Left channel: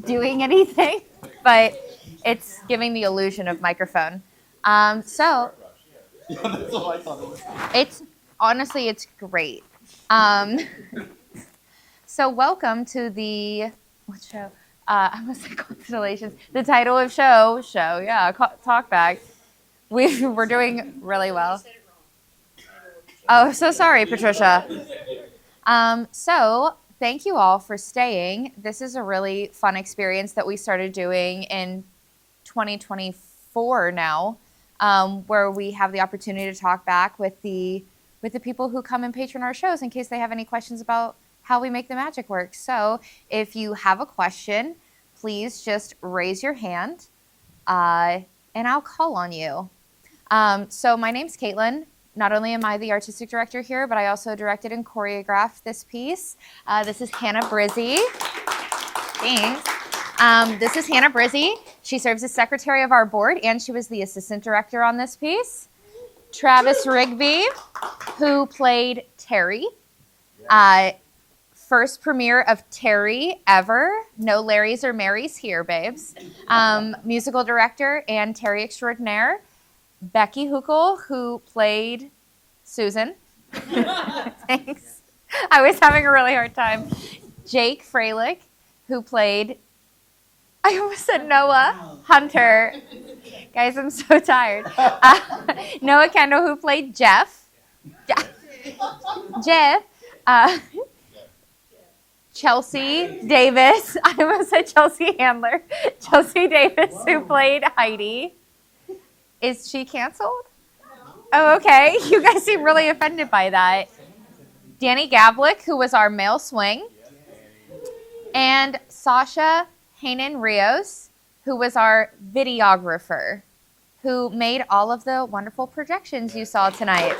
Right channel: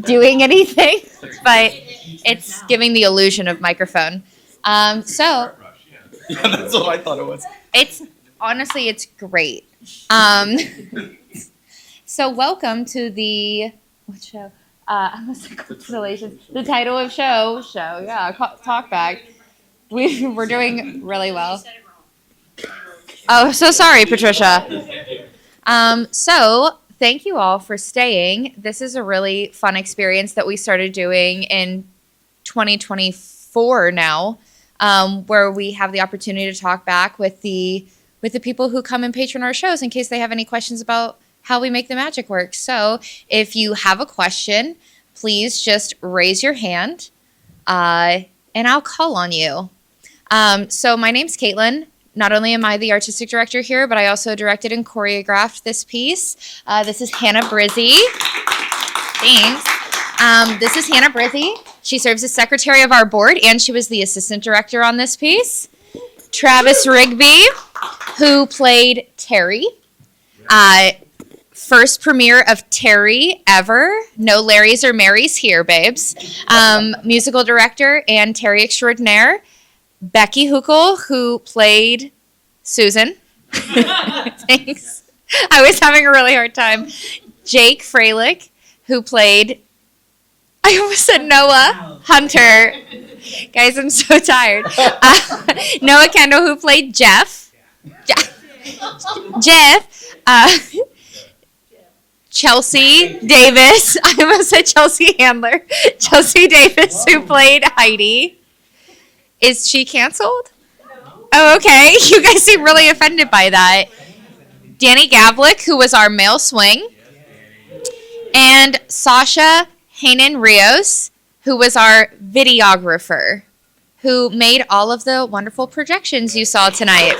doing anything, but it's giving the illusion of microphone. So Yeah, that's what I thought it was. it's honestly, it's great. Um, so welcome to the what show? I was like Constellations. The title of show. Yeah, Talkback. We're doing really well. Oh, so sorry, Patricia. So thank you all for staying. This is a really fun experience that we started doing in 2024 now, where we have the opportunity to talk back with the people who come and patron our shows in case they have any questions about how we make the magic work. So if you have a question, please just raise your hand, and I'll call on you. So my name's Caitlin. Not only am I the artistic director here, but I also directed and choreographed this piece. This is Hannah Brizzy. Thanks. This is Hannah Brizzy. She serves as secretary of our board, and she was the assistant director on this piece. Travis Rigby, who played Terry. First premiere of Terry ever. No Larrys or Marys here, babes. Musical director and Terry extraordinaire. Becky Huckel, who played Susan. Thanks. I was having a really hard time. Jake Freilich, who played, I almost said Noah Hunter. Guys, I'm so tired. Noah Kendall, who played Jeff. Chelsea Davis. I almost said Chelsea Handler. Chelsea Davis, who played Heidi. Is she canceled? Oh, okay. You guys seem really offended by that. Danny Gavlik, who was our male swing. And Sasha Hanan Rios, who was our videographer, who made all of the wonderful projections you saw tonight.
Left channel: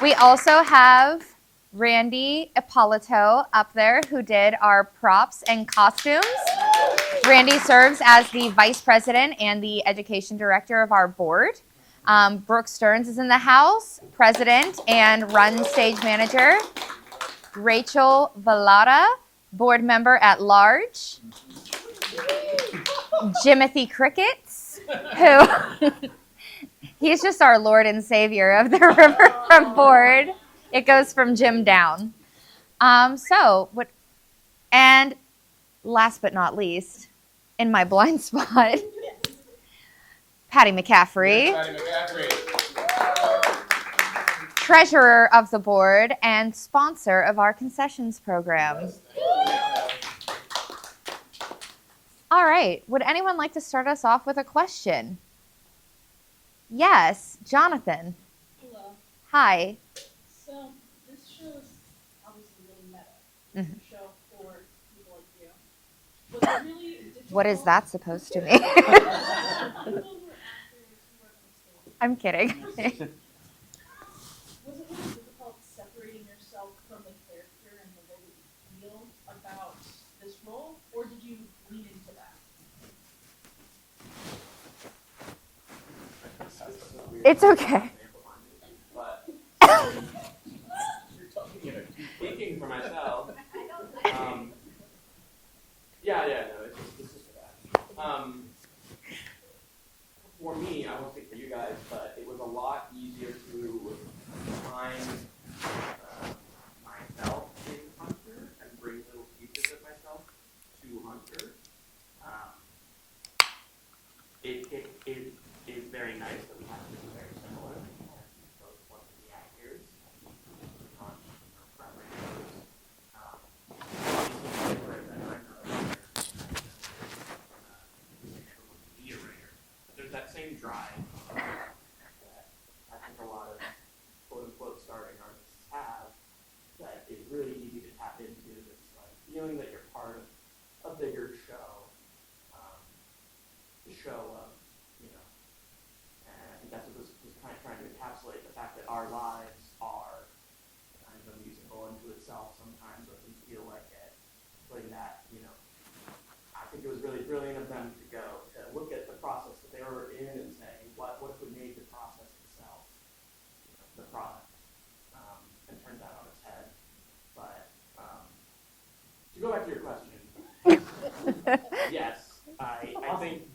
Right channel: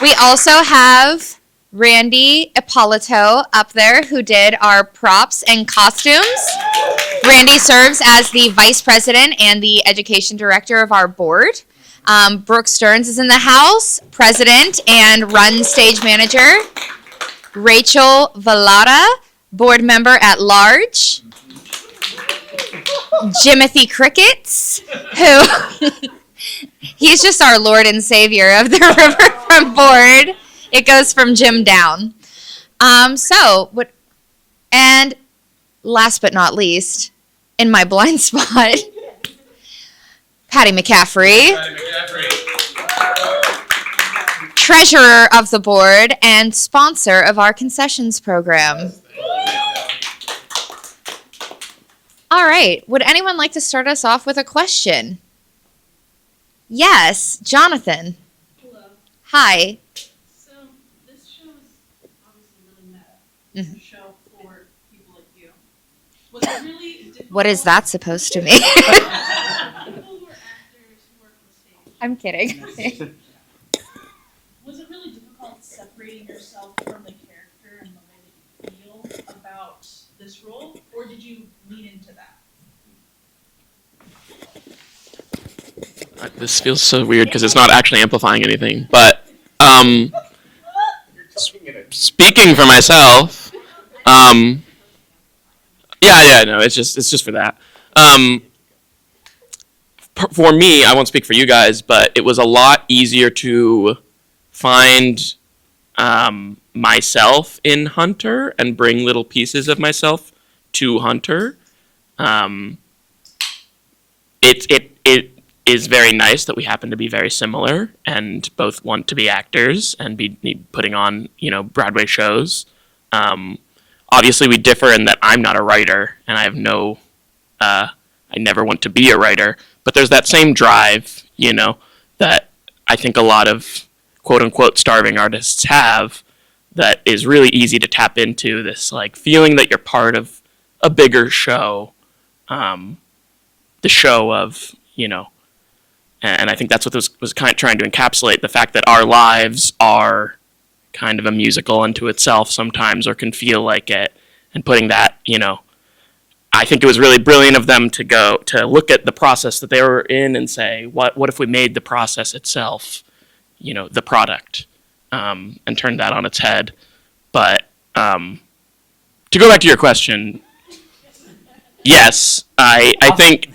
We also have Randy Ippolito up there, who did our props and costumes. Randy serves as the vice president and the education director of our board. Brooke Stearns is in the house, president and run stage manager. Rachel Vallada, board member at large. Jimothy Crickets, who he's just our Lord and Savior of the Riverfront board. It goes from Jim down. And last but not least, in my blind spot, Patty McCaffrey, treasurer of the board and sponsor of our concessions program. All right. Would anyone like to start us off with a question? Yes, Jonathan. Hello. Hi. So this show is obviously really meta. Mhm. It's a show for people like you. Was it really difficult? What is that supposed to mean? People who are actors who work on stage. I'm kidding. Was it really difficult separating yourself from the character and the way that you feel about this role, or did you lean into that? This feels so weird because it's not actually amplifying anything. But speaking for myself, no, it's just for that. For me, I won't speak for you guys, but it was a lot easier to find myself in Hunter and bring little pieces of myself to Hunter. It is very nice that we happen to be very similar and both want to be actors and be putting on, Broadway shows. Obviously, we differ in that I'm not a writer and I have I never want to be a writer. But there's that same drive, that I think a lot of quote-unquote starving artists have that is really easy to tap into, this feeling that you're part of a bigger show, the show of, and I think that's what this was kind of trying to encapsulate, the fact that our lives are kind of a musical unto itself sometimes, or can feel like it, and putting that, I think it was really brilliant of them to look at the process that they were in and say, what if we made the process itself, the product, and turned that on its head. But To go back to your question, yes, I think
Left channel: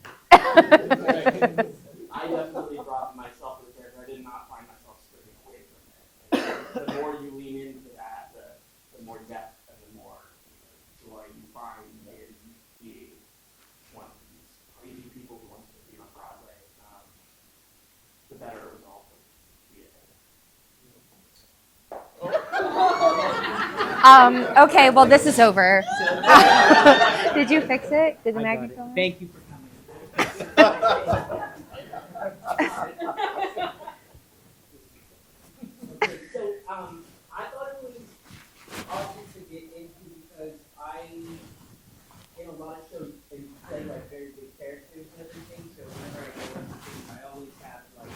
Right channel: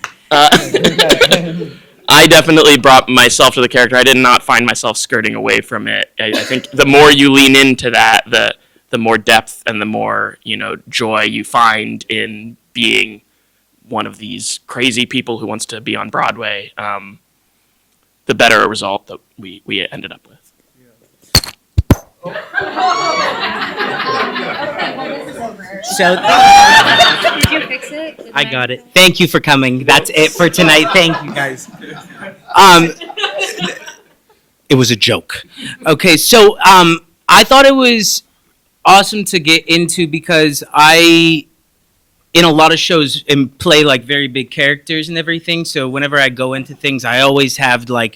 I definitely brought myself to the character. I did not find myself skirting away from it. I think the more you lean into that, the more depth and the more joy you find in being one of these crazy people who wants to be on Broadway. The better a result that we ended up with. Okay, well, this is over. So Did you fix it? I got it. Thank you for coming. That's it for tonight. Thank you, guys. It was a joke. Okay, so I thought it was awesome to get into because I, in a lot of shows, play like very big characters and everything. So whenever I go into things, I always have like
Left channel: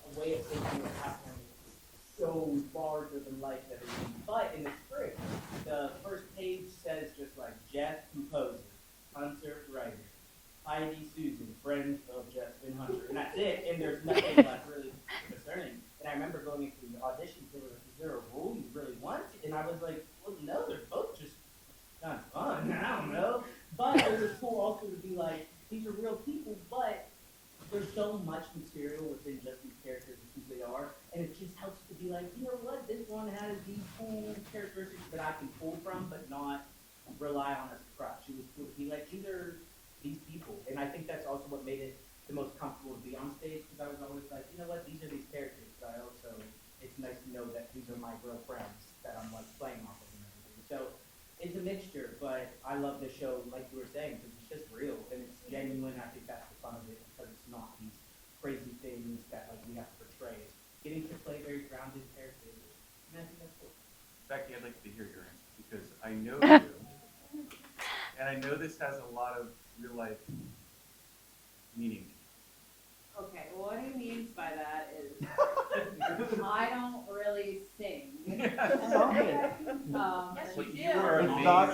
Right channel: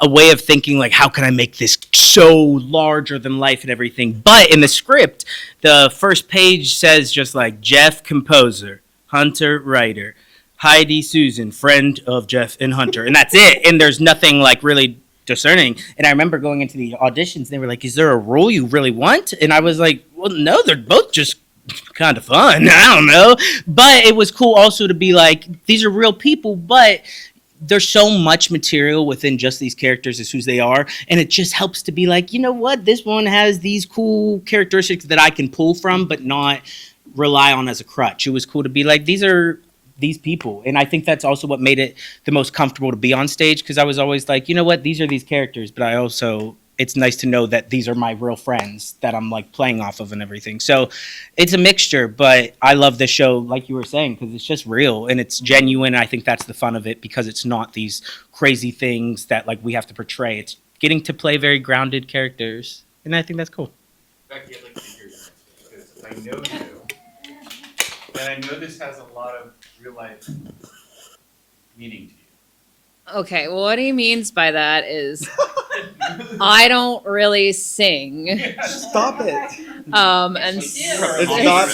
a way of thinking like, how can I make this so larger than life and everything? But in the script, the first page says just like Jeff, composer, Hunter, writer, Heidi, Susan, friend of Jeff and Hunter, and that's it. And there's nothing like really discerning. And I remember going into the auditions, they were like, "Is there a role you really want?" And I was like, "Well, no, they're both just kind of fun. I don't know." But it was cool also to be like, these are real people, but there's so much material within just these characters as who they are. And it just helps to be like, you know what? This one has these cool characteristics that I can pull from, but not rely on as a crutch. It was cool to be like, these are these people. And I think that's also what made it the most comfortable to be on stage, because I was always like, you know what? These are these characters, but I also... it's nice to know that these are my real friends that I'm like playing off of and everything. So it's a mixture, but I love this show, like you were saying, because it's just real and it's genuine. I think that's the fun of it, because it's not these crazy things that like we have to portray. It's getting to play very grounded characters, and I think that's cool. Becky, I'd like to hear your answer, because I know you, and I know this has a lot of real life meaning to you. Okay, well, what he means by that is I don't really sing. Stop it. And It's not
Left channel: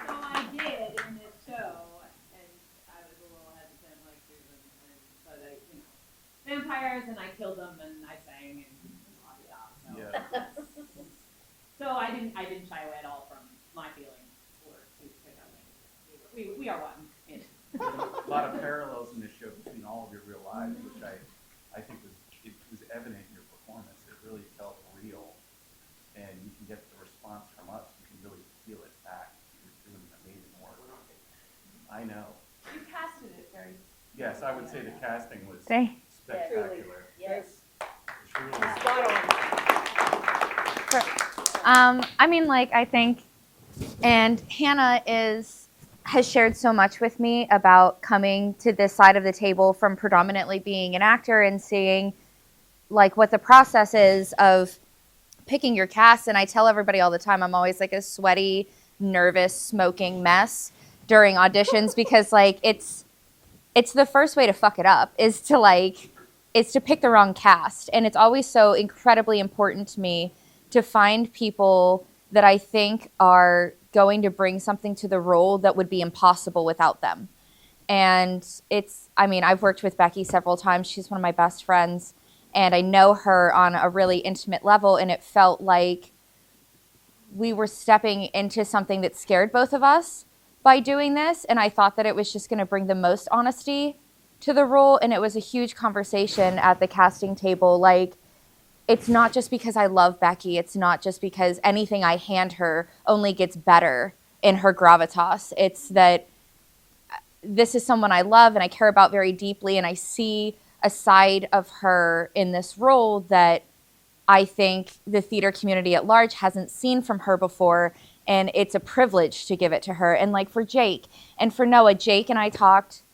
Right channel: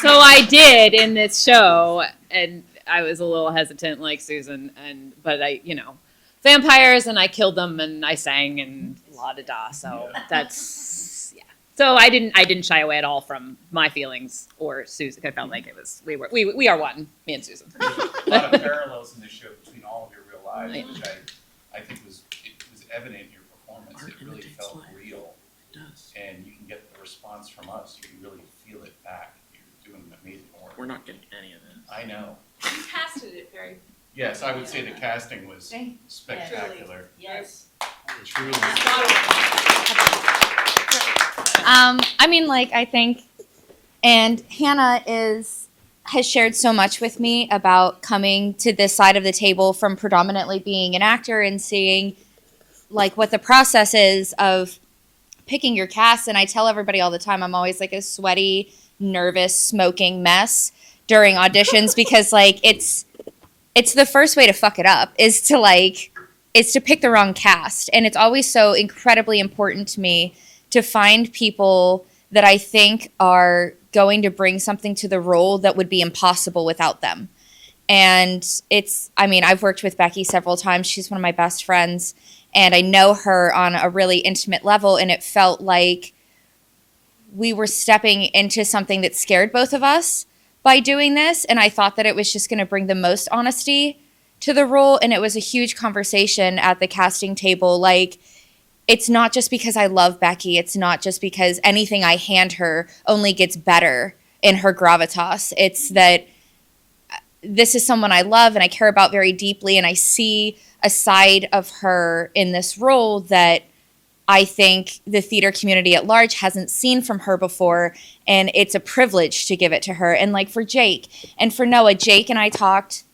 so I did in this show, and I was a little hesitant like Susan, but I, vampires, and I killed them, and I sang, and la-da-da, so that's, yeah. So I didn't shy away at all from my feelings or Susan. I felt like we are one, me and Susan. A lot of parallels in this show between all of your real lives, Yeah. which I think was evident in your performance. It really felt real, and you can get the response from us. You can really feel it back. You're doing amazing work. We're not getting any of this. I know. You casted it very. Yes, I would say the casting was Thank- spectacular. Yes. Truly. I mean, like, I think, and Hannah has shared so much with me about coming to this side of the table from predominantly being an actor and seeing, like, what the process is of picking your cast. And I tell everybody all the time, I'm always like a sweaty, nervous, smoking mess during auditions because, like, it's the first way to fuck it up is to pick the wrong cast. And it's always so incredibly important to me to find people that I think are going to bring something to the role that would be impossible without them. And I've worked with Becky several times. She's one of my best friends, and I know her on a really intimate level, and it felt like we were stepping into something that scared both of us by doing this, and I thought that it was just going to bring the most honesty to the role, and it was a huge conversation at the casting table. Like, it's not just because I love Becky. It's not just because anything I hand her only gets better in her gravitas. It's that this is someone I love and I care about very deeply, and I see a side of her in this role that I think the theater community at large hasn't seen from her before, and it's a privilege to give it to her. And like for Jake and for Noah, Jake and I talked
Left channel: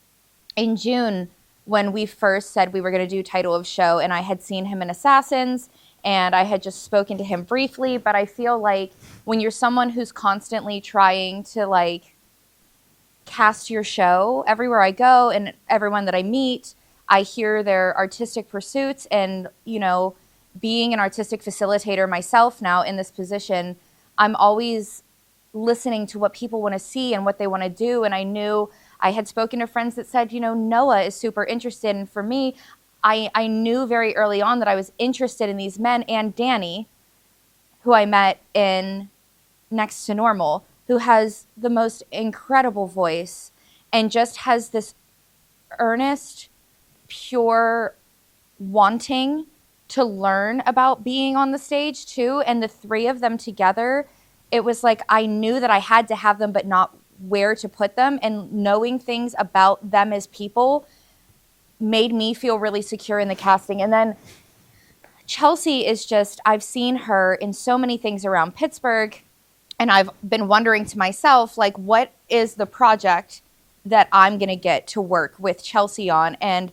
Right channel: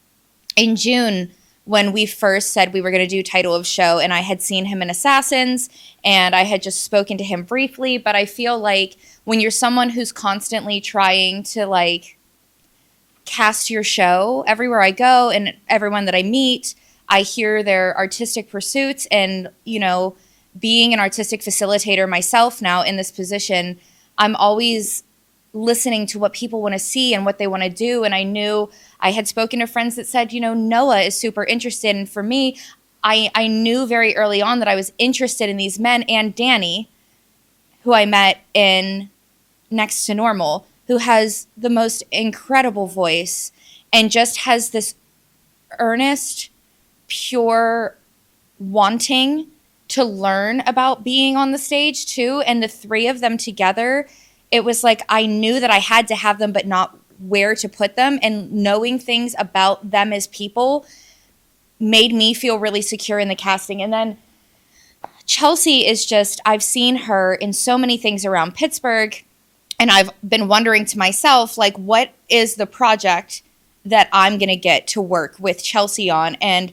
in June when we first said we were going to do title of show, and I had seen him in Assassins, and I had just spoken to him briefly, but I feel like when you're someone who's constantly trying to like cast your show everywhere I go and everyone that I meet, I hear their artistic pursuits, and, being an artistic facilitator myself now in this position, I'm always listening to what people want to see and what they want to do. And I knew I had spoken to friends that said, Noah is super interested. And for me, I knew very early on that I was interested in these men, and Danny, who I met in Next to Normal, who has the most incredible voice and just has this earnest, pure wanting to learn about being on the stage too. And the three of them together, it was like I knew that I had to have them, but not where to put them. And knowing things about them as people made me feel really secure in the casting. And then Chelsea is just, I've seen her in so many things around Pittsburgh, and I've been wondering to myself, like, what is the project that I'm going to get to work with Chelsea on? And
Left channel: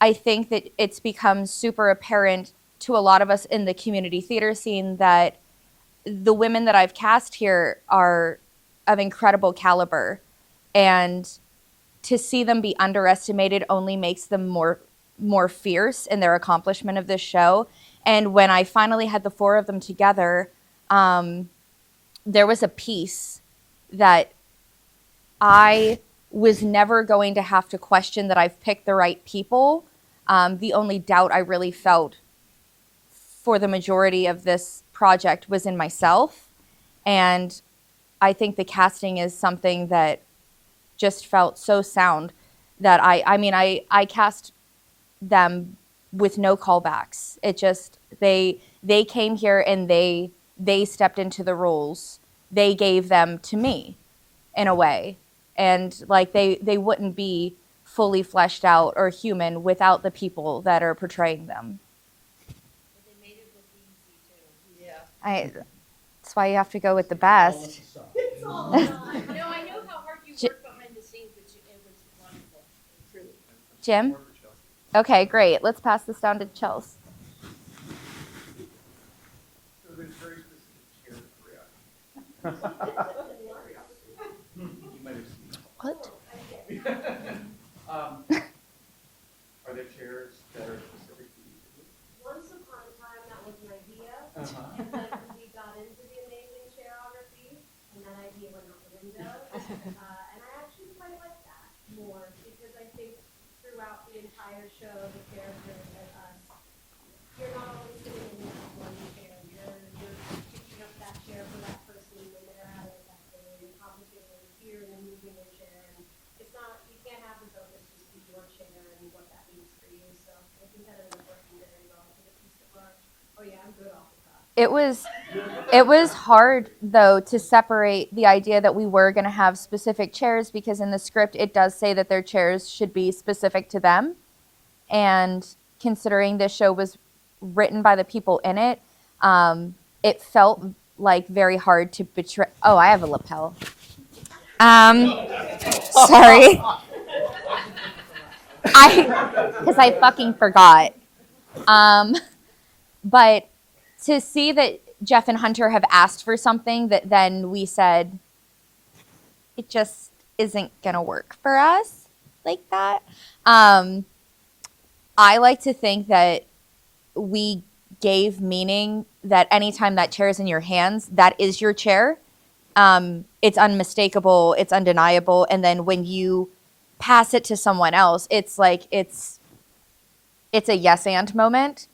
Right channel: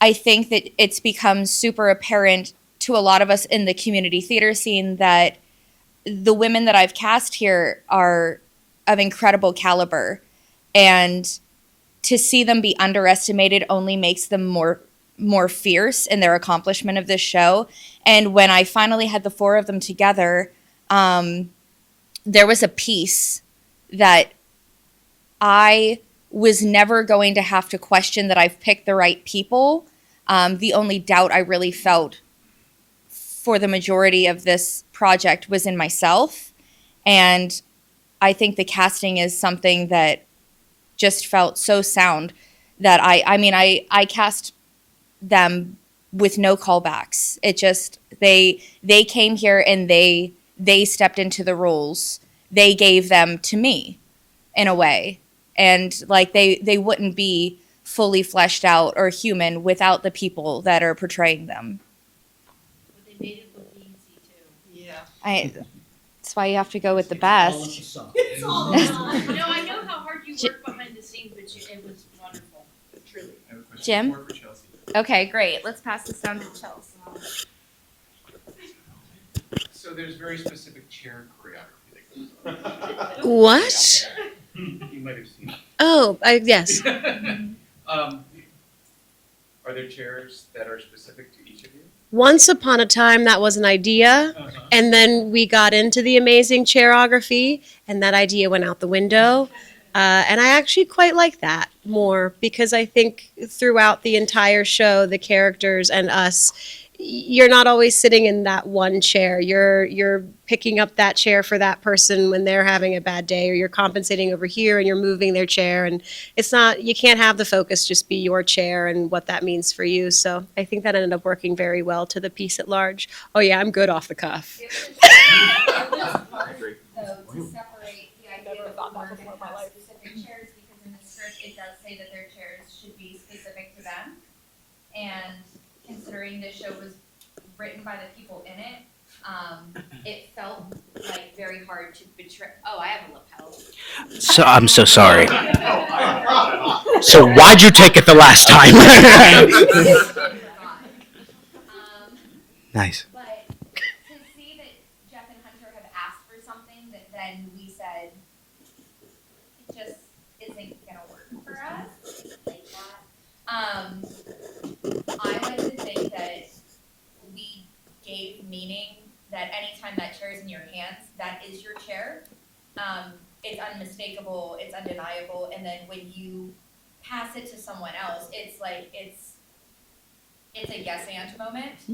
I think that it's become super apparent to a lot of us in the community theater scene that the women that I've cast here are of incredible caliber. And to see them be underestimated only makes them more fierce in their accomplishment of this show. And when I finally had the four of them together, there was a piece that I was never going to have to question that I've picked the right people. The only doubt I really felt for the majority of this project was in myself. And I think the casting is something that just felt so sound that I cast them with no callbacks. It just, they came here and they stepped into the roles. They gave them to me in a way. And like they wouldn't be fully fleshed out or human without the people that are portraying them. But they made it look easy too. Yeah. That's why you have to go with the best. It's all no, I know how hard you work behind the scenes, but it was wonderful, truly. Jim? More for Chelsea. Okay, great. Let's pass this down to Chelsea. So there's very specific chair choreography that goes What? on. You might have seen. Oh, yes. Are there chairs that are specific to each of you? Once upon a time, that was an idea, and then we got into the amazing chairography, and that idea went out the window. And I actually quite like that more because I think throughout the entire show, the characters and us, you're not always sitting in that one chair. You're picking up that chair for that person when they're having a bad day, or you're compensating over here and you're moving their chair. And it's not, you can't have the focus just be your chair and what that means for you. So I think that ended up working very well to the piece at large. Oh yeah, I'm good off the cuff. It was hard though to separate the idea that we were going to have specific chairs, because in the script it does say that their chairs should be specific to them. And considering this show was written by the people in it, it felt like very hard to betray. Oh, I have a lapel. So I'm so sorry. Sorry. So why'd you take it the last time? I fucking forgot. Nice. But to see that Jeff and Hunter have asked for something that then we said, it just isn't going to work for us like that. I like to think that we gave meaning that anytime that chair is in your hands, that is your chair. It's unmistakable, it's undeniable. And then when you pass it to someone else, it's like, it's a yes and moment,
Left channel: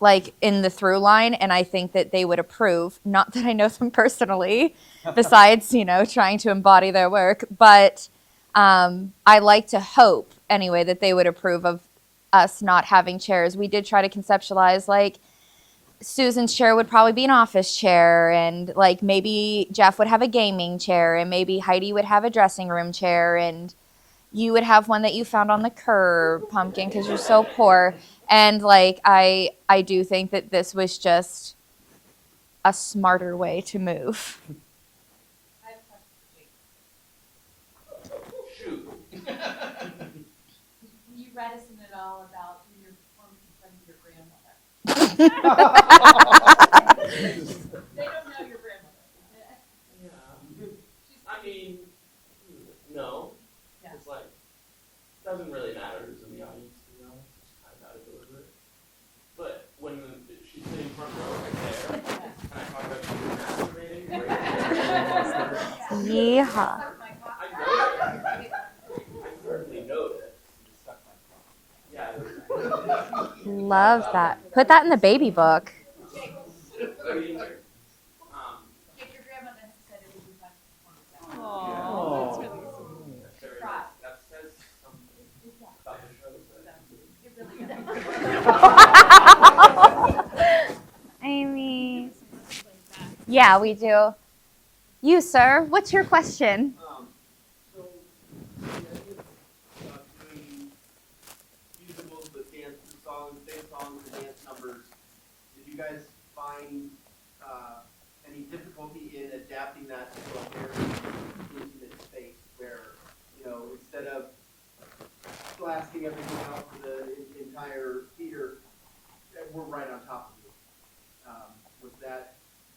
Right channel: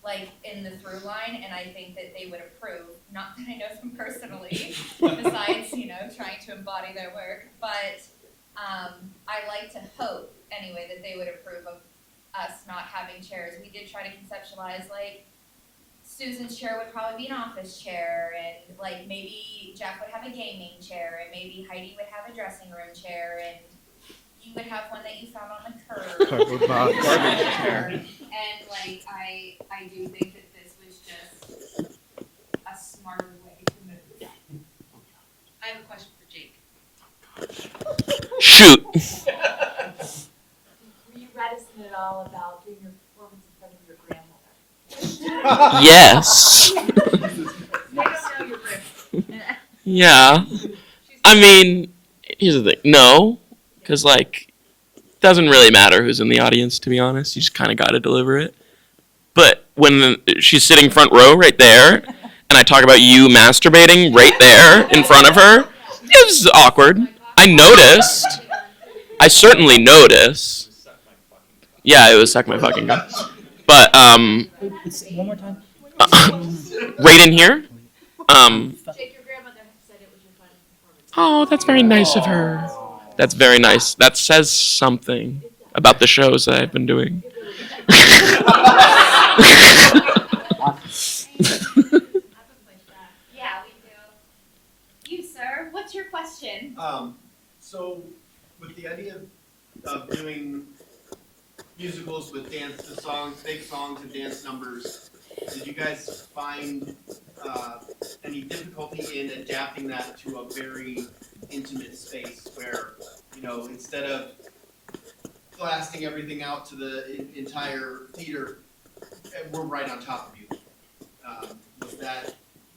like in the through line. And I think that they would approve, not that I know them personally, besides, trying to embody their work. But I like to hope anyway that they would approve of us not having chairs. We did try to conceptualize, like, Susan's chair would probably be an office chair, and like maybe Jeff would have a gaming chair, and maybe Heidi would have a dressing room chair, and you would have one that you found on the curb because you're so poor. And like I do think that this was just a smarter way to move. I have a question for Jake. Shoot. Were you reticent at all about doing your performance in front of your grandmother? Yes. They don't know your grandmother. Yeah. I mean, here's the thing. No, because it doesn't really matter who's in the audience, to be honest. You just kind of got to deliver it. But when she's sitting front row right there, and I talk about you masturbating right there in front of her, it was awkward. I noticed. I certainly noticed. Yeah, it was Suck My Fucking Gun. But Put that in the baby book. right in here. Oh, that's very nice of her. That's very nice. That says something about the shows that I've been doing. Amy. Yeah, we do. You, sir, what's your question? So with the idea of doing musicals with dance, the songs, big songs and dance numbers, did you guys find any difficulty in adapting that to a very intimate space where, you know, instead of blasting everything out to the entire theater, we're right on top of you?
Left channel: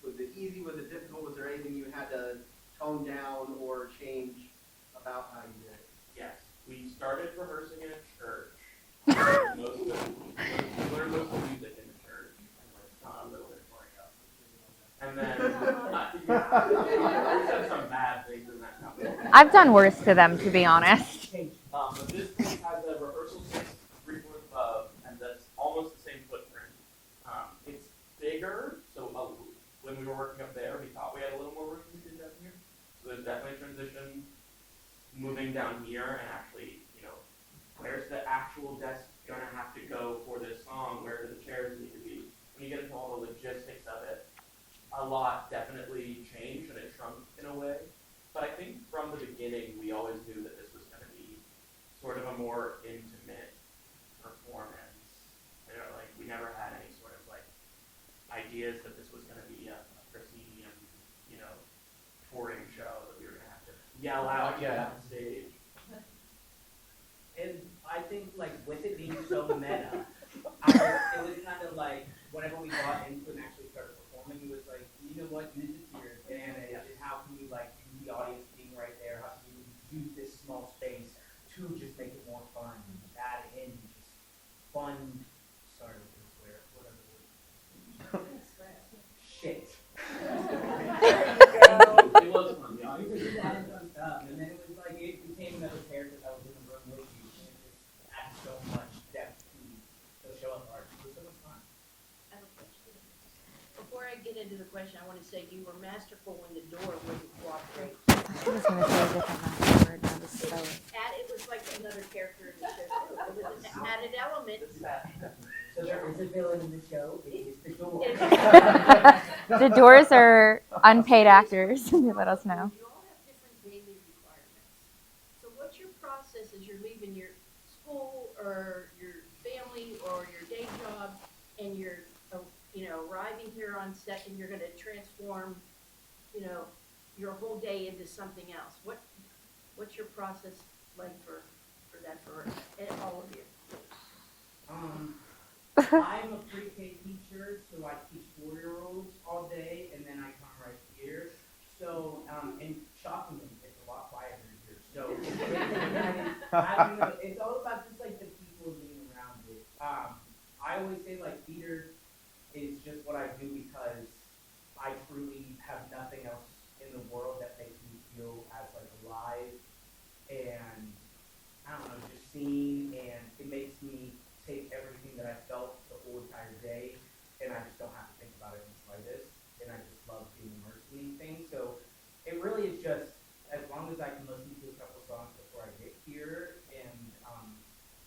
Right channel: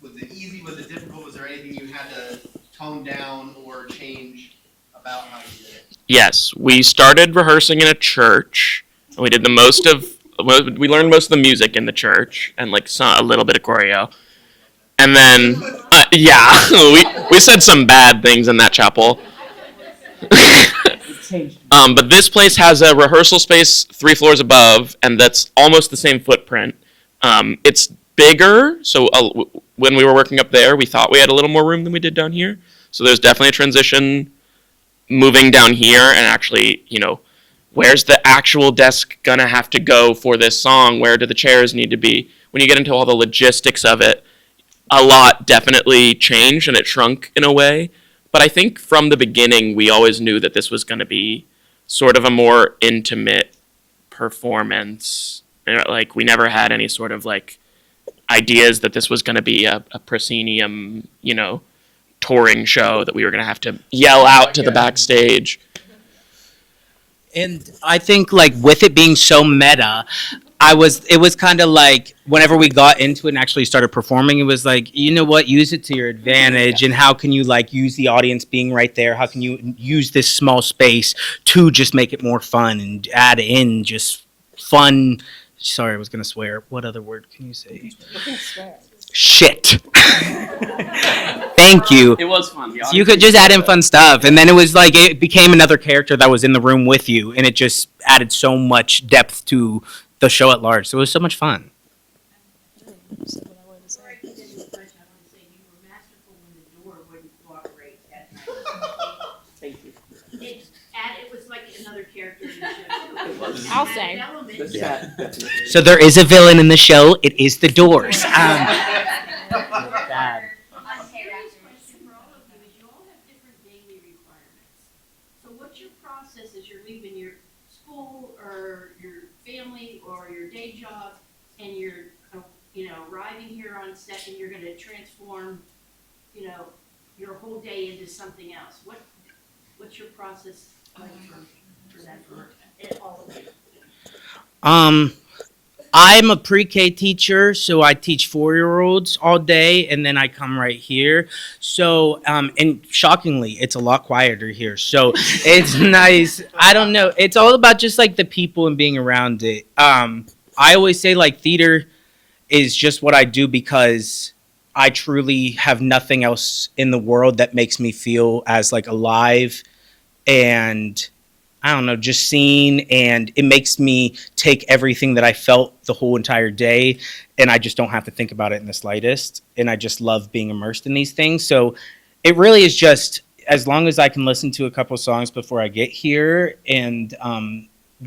Was it easy? Was it difficult? Was there anything you had to tone down or change about how you did it? Yes, we started rehearsing in a church. We did we learned most of the music in the church and like a little bit of choreo. And then, yeah, we said some bad things in that chapel. I've done worse to them, to be honest. But this place has a rehearsal space 3 floors above, and that's almost the same footprint. It's bigger, so when we were working up there, we thought we had a little more room than we did down here. So there's definitely a transition moving down here, and actually, you know, where's the actual desk gonna have to go for this song? Where do the chairs need to be? When you get into all the logistics of it, a lot definitely changed and it shrunk in a way. But I think from the beginning, we always knew that this was going to be sort of a more intimate performance. Like, we never had any sort of like ideas that this was going to be a proscenium, you know, touring show that we were going to have to yell out to the backstage. And I think like with it being so meta, it was kind of like whenever we got into it and actually started performing, it was like, you know what, use it to your advantage. And how can you like use the audience being right there? How can you use this small space to just make it more fun and add in just fun? Sorry, I was going to swear. What other word can you say? Shit. Thank you. It was fun. So you could just add in fun stuff. And then it was like, it became another character that was in the room with you. And it just added so much depth to the show at large. So it was so much fun. Before I get into the question, I want to say you were masterful when the door wouldn't cooperate. It was like another character in the show. I'll say. So there is a villain in the show. It is the Doors. The Doors are unpaid actors. Let us know. You all have different daily requirements. So what's your process as you're leaving your school or your family or your day job and you're, arriving here on set and you're going to transform, your whole day into something else? What's your process like for that for all of you? I'm a pre-K teacher, so I teach 4-year-olds all day, and then I come right here. So, and shockingly, it's a lot quieter here. So it's nice. I don't know. It's all about just like the people and being around it. I always say like theater is just what I do because I truly have nothing else in the world that makes me feel as like alive and I don't know, just seen, and it makes me take everything that I felt the whole entire day, and I just don't have to think about it in the slightest, and I just love being immersed in these things. So it really is just, as long as I can listen to a couple songs before I get here and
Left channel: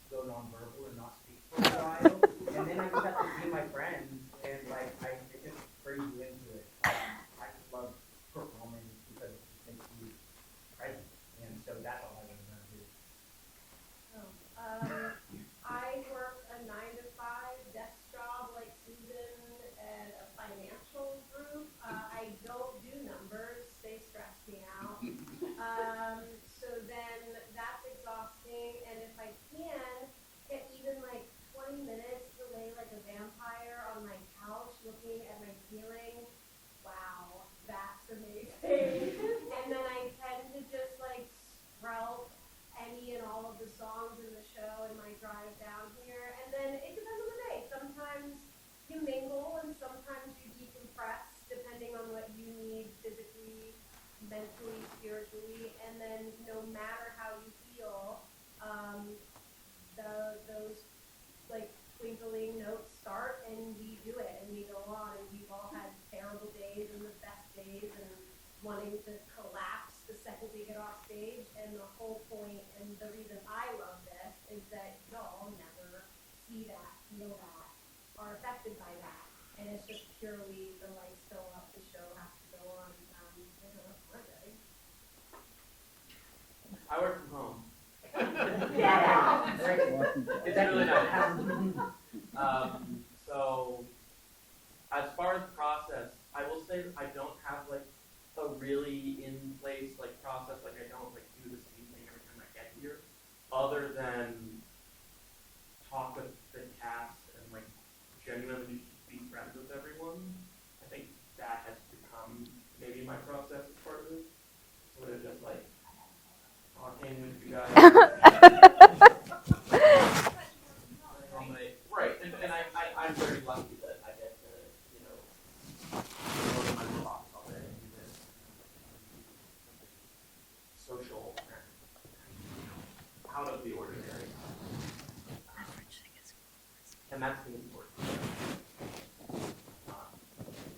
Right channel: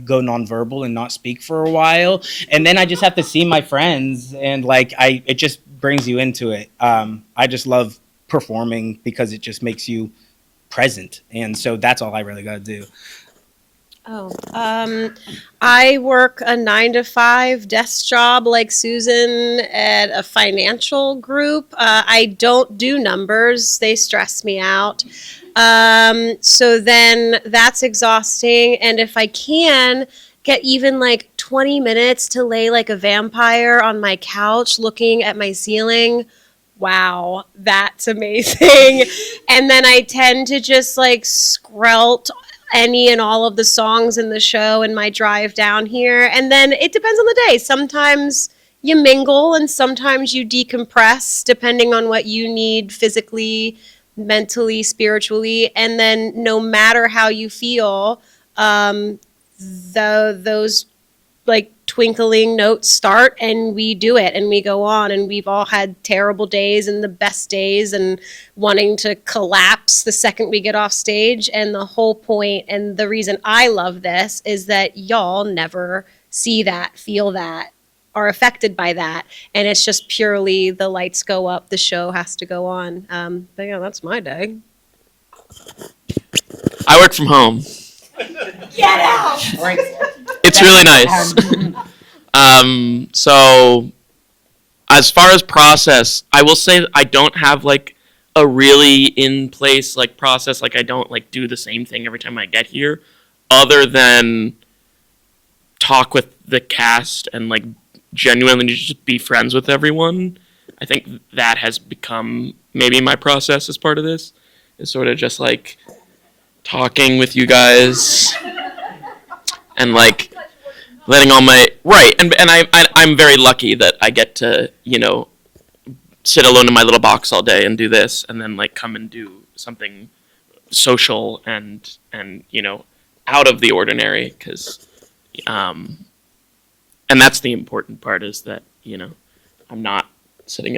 go nonverbal and not speak for a while, and then I just have to see my friends, and like it just brings you into it. I just love performing because it just makes you present, and so that's all I really got to do. I work a 9-to-5 desk job like Susan at a financial group. I don't do numbers. They stress me out. So then that's exhausting. And if I can get even like 20 minutes to lay like a vampire on my couch looking at my ceiling, wow, that's amazing. And then I tend to just like screlt any and all of the songs in the show in my drive down here. And then it depends on the day. Sometimes you mingle and sometimes you decompress depending on what you need physically, mentally, spiritually. And then no matter how you feel, those like twinkling notes start, and we do it and we go on, and we've all had terrible days and the best days and wanting to collapse the second we get off stage. And the whole point and the reason I love this is that y'all never see that, feel that, are affected by that, and it's just purely the lights go up, the show has to go on. But yeah, that's my day. I work from home. Get out! It's really nice. So as far as process, I will say that I don't have like a really in place like process. Like I don't like do the same thing every time I get here, other than talk with the cast and like genuinely just be friends with everyone. I think that has become maybe my process as part of this, is sort of just like talking with you guys and like letting all my right and I'm very lucky that I get to, you know, sit alone in my little box all day and do this, and then like come and do something social and you know, out of the ordinary, because and that's the important part, is that, you know, I'm not sitting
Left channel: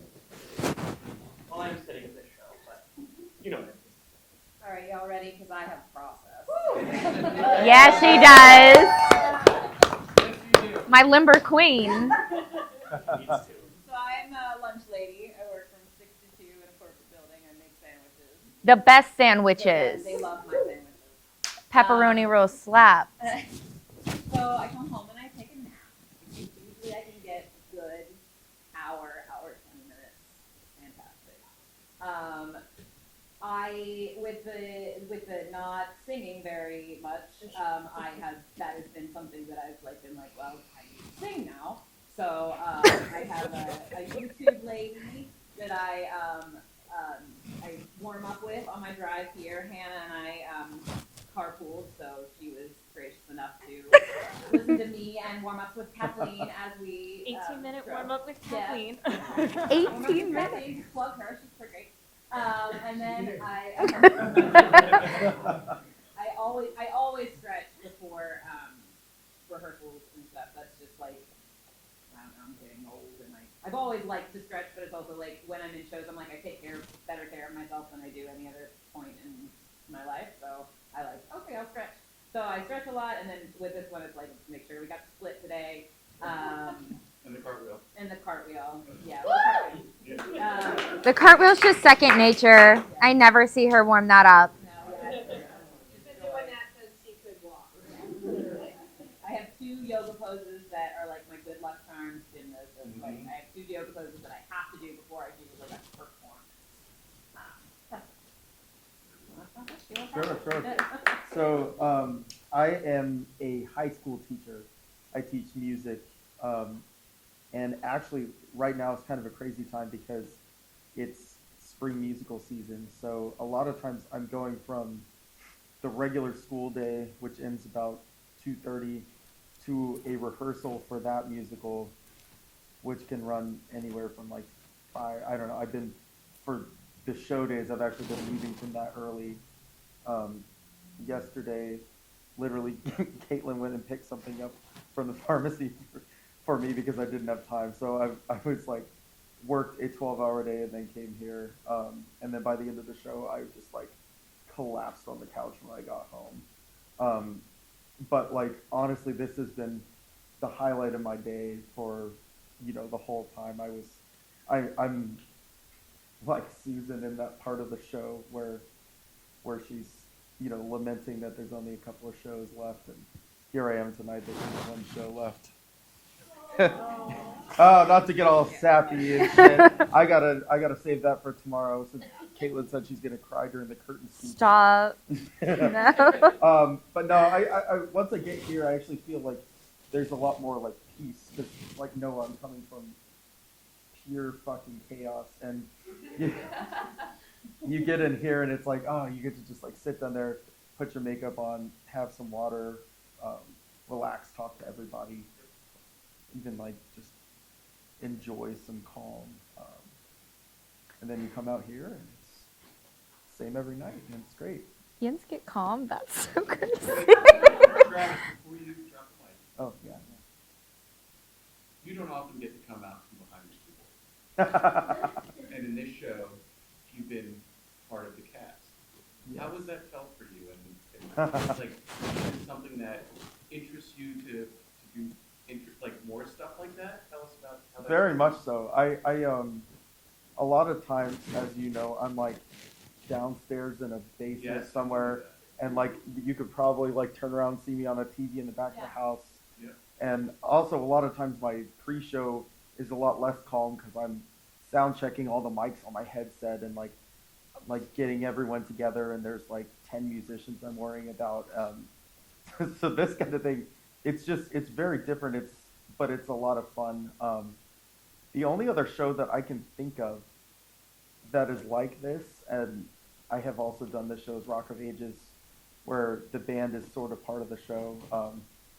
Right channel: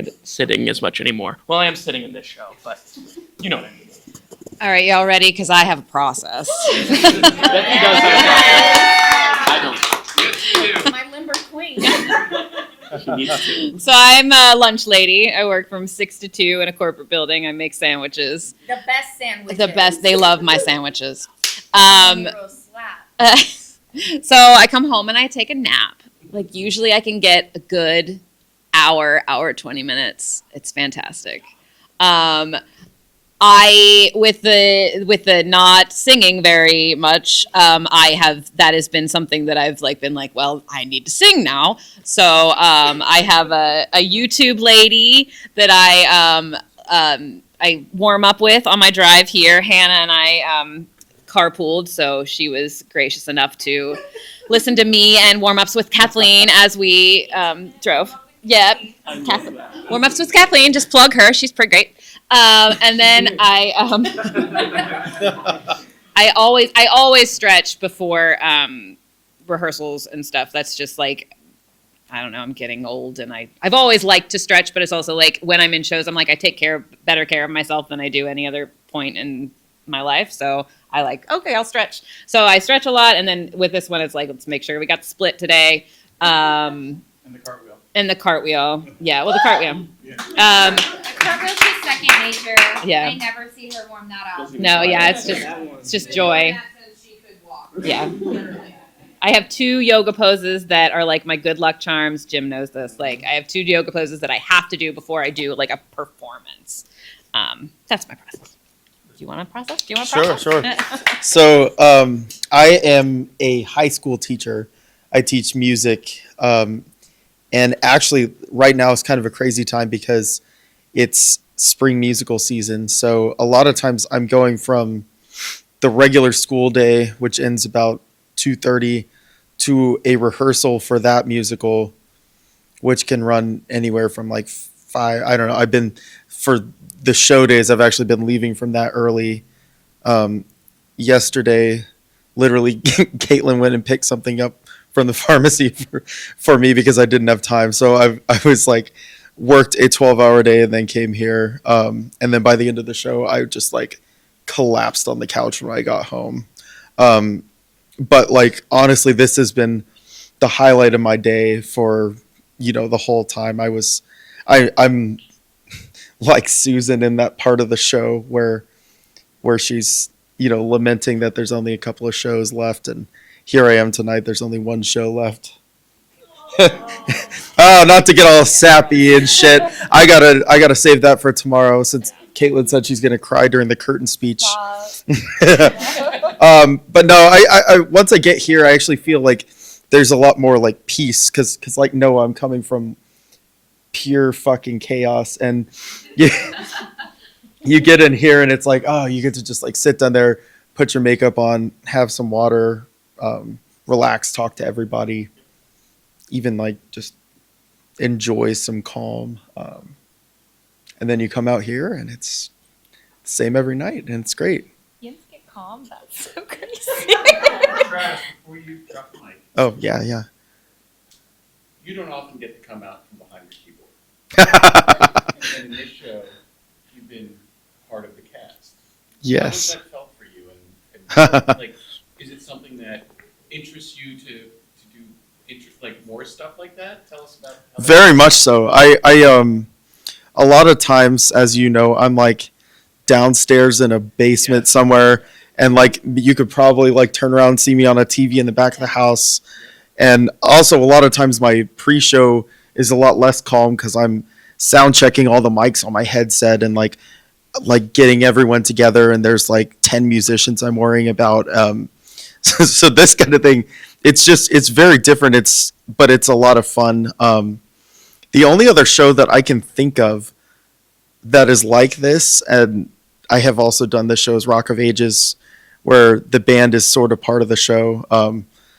as much anymore. Well, I am sitting in this show, but you know what I mean. All right, y'all ready? Because I have a process. Yes, he does. My limber queen. So I'm a lunch lady. I work from 6 to 2 in a corporate building. I make sandwiches. The best sandwiches. The best. They love my sandwiches. Pepperoni roll slap. So I come home and I take a nap. Like usually I can get a good hour 20 minutes. It's fantastic. I with the not singing very much, that has been something that I've like been like, well, I need to sing now. So I have a YouTube lady that I warm up with on my drive here. Hannah and I carpooled, so she was gracious enough to listen to me and warm-ups with Kathleen as we drove. Yeah, warm-ups with Kathleen. Just plug her; she's pretty great. And then I always stretch before rehearsals and stuff. That's just like, I don't know, I'm getting old, and I've always liked to stretch, but it's also like when I'm in shows, I'm like, I take better care of myself than I do any other point in my life. So I like, okay, I'll stretch. So I stretch a lot, and then with this one, it's like, let's make sure we got the split today. And the cartwheel. And the cartwheel. Yeah, well, the cartwheel. The cartwheel's just second nature. Yeah. I never see her warm that up. No, yeah, it's just joy. Yeah. I have 2 yoga poses that are like my good luck charms. Jim knows this. Like, I have 2 yoga poses that I have to do before I do like a performance. That's my process. Do you want to process? Do you want to process? Sure. So I am a high school teacher. I teach music. And actually, right now is kind of a crazy time because it's spring musical season. So a lot of times I'm going from the regular school day, which ends about 2:30, to a rehearsal for that musical, which can run anywhere from like 5. I don't know. For the show days, I've actually been leaving from that early. Yesterday, literally, Caitlin went and picked something up from the pharmacy for me because I didn't have time. So I was like, worked a 12-hour day and then came here. And then by the end of the show, I just like collapsed on the couch when I got home. But like, honestly, this has been the highlight of my day for, you know, the whole time. I'm like Susan in that part of the show where she's, you know, lamenting that there's only a couple of shows left, and here I am tonight. There's only one show left. Oh, not to get all sappy and shit. I gotta save that for tomorrow, since Caitlin said she's gonna cry during the curtain speech. Stop. But no, I once I get here, I actually feel like there's a lot more like peace, because like Noah, I'm coming from pure fucking chaos, and you get in here and it's like, oh, you get to just like sit down there, put your makeup on, have some water, relax, talk to everybody, even like just enjoy some calm. And then you come out here and it's the same every night, and it's great. Yins get calm. That's so crazy. Trash before you drop the mic. Oh, yeah. you don't often get to come out from behind your keyboard. And in this show, you've been part of the cast. How has Yes. that felt for you? And like, is it something that interests you to do like more stuff like that? Tell us about how Very much so. I a lot of times, as you know, I'm like downstairs in a basement Yeah. somewhere, and like you could probably like turn around and see me on a TV in the back of the house. And also, a lot of times my pre-show is a lot less calm because I'm sound checking all the mics on my headset and like getting everyone together. And there's like 10 musicians I'm worrying about. So this kind of thing, it's very different. But it's a lot of fun. The only other show that I can think of that is like this, and I have also done this show, is Rock of Ages, where the band is sort of part of the show.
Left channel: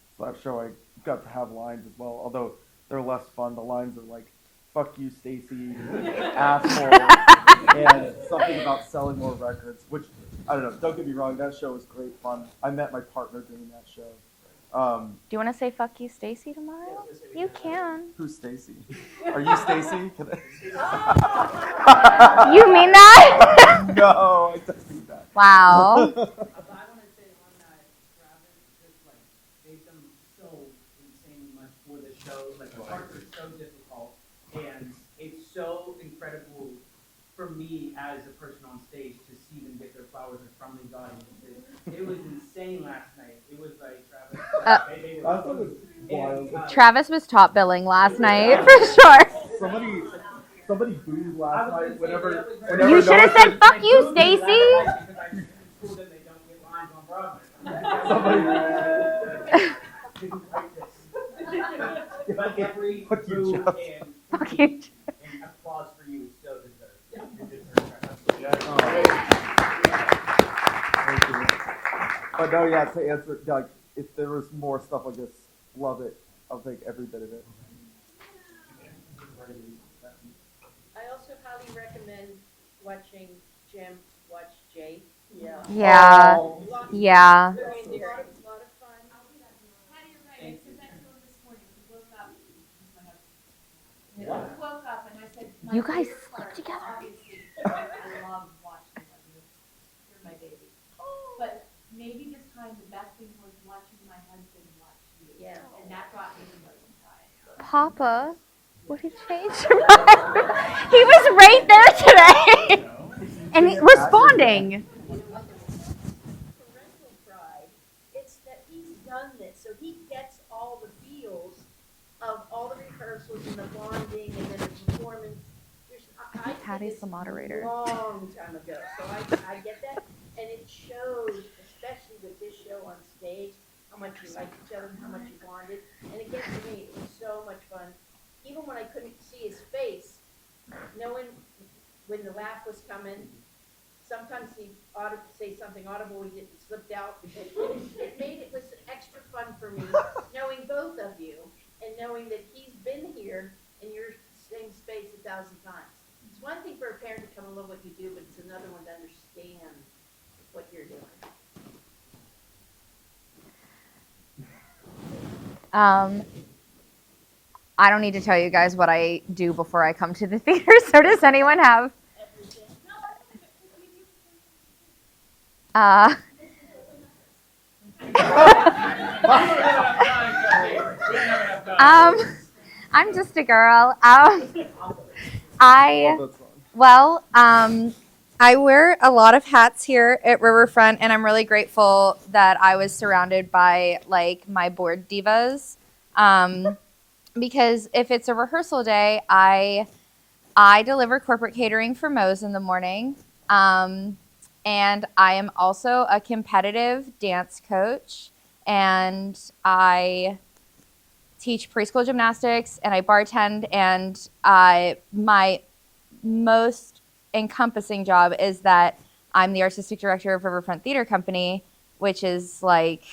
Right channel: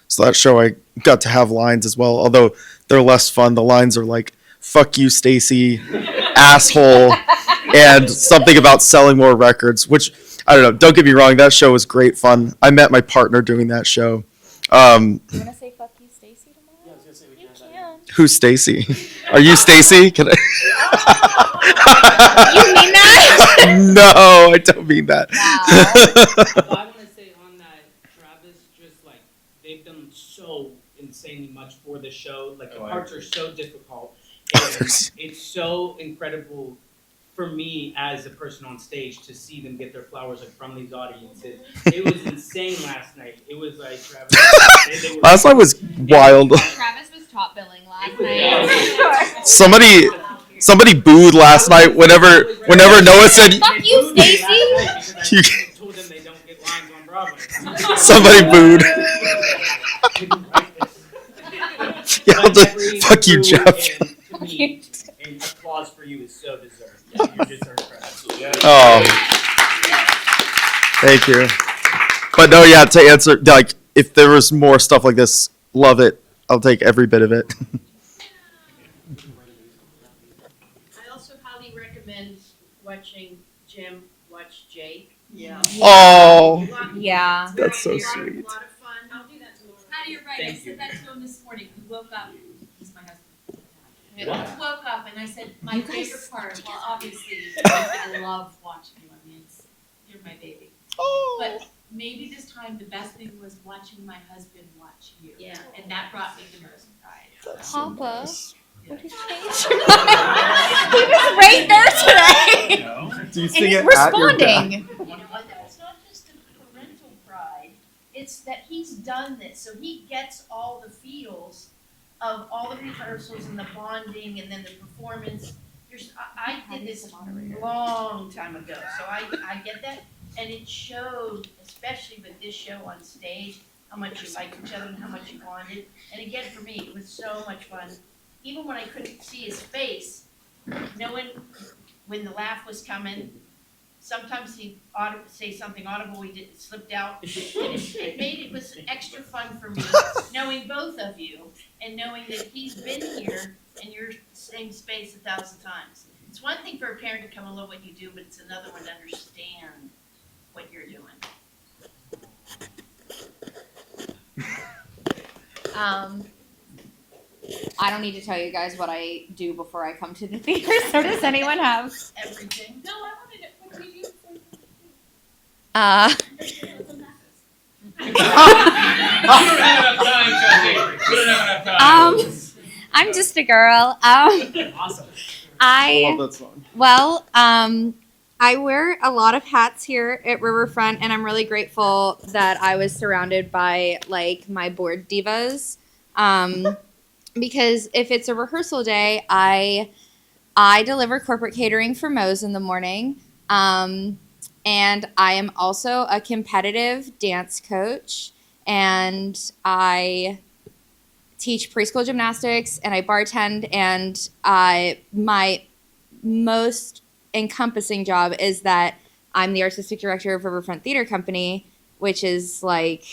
So that show I got to have lines as well, although they're less fun. The lines are like "fuck you, Stacy," "asshole," and something about selling more records. Which I don't know. Don't get me wrong, that show was great fun. I met my partner doing that show. Do you want to say "fuck you, Stacy" tomorrow? You can. Who's Stacy? Are you Stacy? Can I? You mean that? No, I don't mean that. Wow. I want to say on that, Travis, just like they've done so insanely much for the show. Like the Oh, I parts agree. are so difficult. And it's so incredible for me as a person on stage to see them get their flowers like from these audiences. It was insane last night. It was like Travis. They were, Last night was wild. Travis was top billing last night for sure. Somebody booed last night whenever Noah said Fuck you, Stacy. You- told them they don't get lines on Broadway. somebody booed. Yeah, I'll just, fuck you, Jeff. And to me, and applause for you is so deserved. You deserve it. Absolutely. Oh, thank you. But no, yeah, to answer, like, if there was more stuff like this, love it. I'll take every bit of it. I also highly recommend watching Jim watch Jake. Yeah. Oh, Yeah. that's so It's sweet. a lot of fun. I'll do that tomorrow. Patty, you're right. I Thank you. said that to him this morning. He woke up. He's my husband. He What? woke up and I said, my You guys favorite part, slept well, obviously, I love watching you. I mean, you're my baby. But maybe this time the best thing was watching my husband watch you. Yeah. And that brought me the most pride. Papa, what has changed? He was right there today. And he's responding. You know what, that's not just a parental pride, it's that he's done this, so he gets all the feels of all the rehearsals and the bonding and then the performance. I did Patty's this the moderator. long time ago, so I get that, and it showed, especially with this show on stage, how much you liked each other and how much you bonded, and again, for me, it was so much fun. Even when I couldn't see his face, knowing when the laugh was coming, sometimes he'd say something audible, he didn't slipped out. It made it was extra fun for me, knowing both of you and knowing that he's been here in your same space 1,000 times. It's one thing for a parent to come and love what you do, but it's another one to understand what you're doing. I don't need to tell you guys what I do before I come to the theater. So does anyone have? Everything. No, I wanted it. What do you do? I'm just a girl. Awesome. I that song. Well, I wear a lot of hats here at Riverfront, and I'm really grateful that I was surrounded by like my board divas. Because if it's a rehearsal day, I deliver corporate catering for Moe's in the morning. And I am also a competitive dance coach, and I teach preschool gymnastics, and I bartend, and my most encompassing job is that I'm the artistic director of Riverfront Theater Company, which is like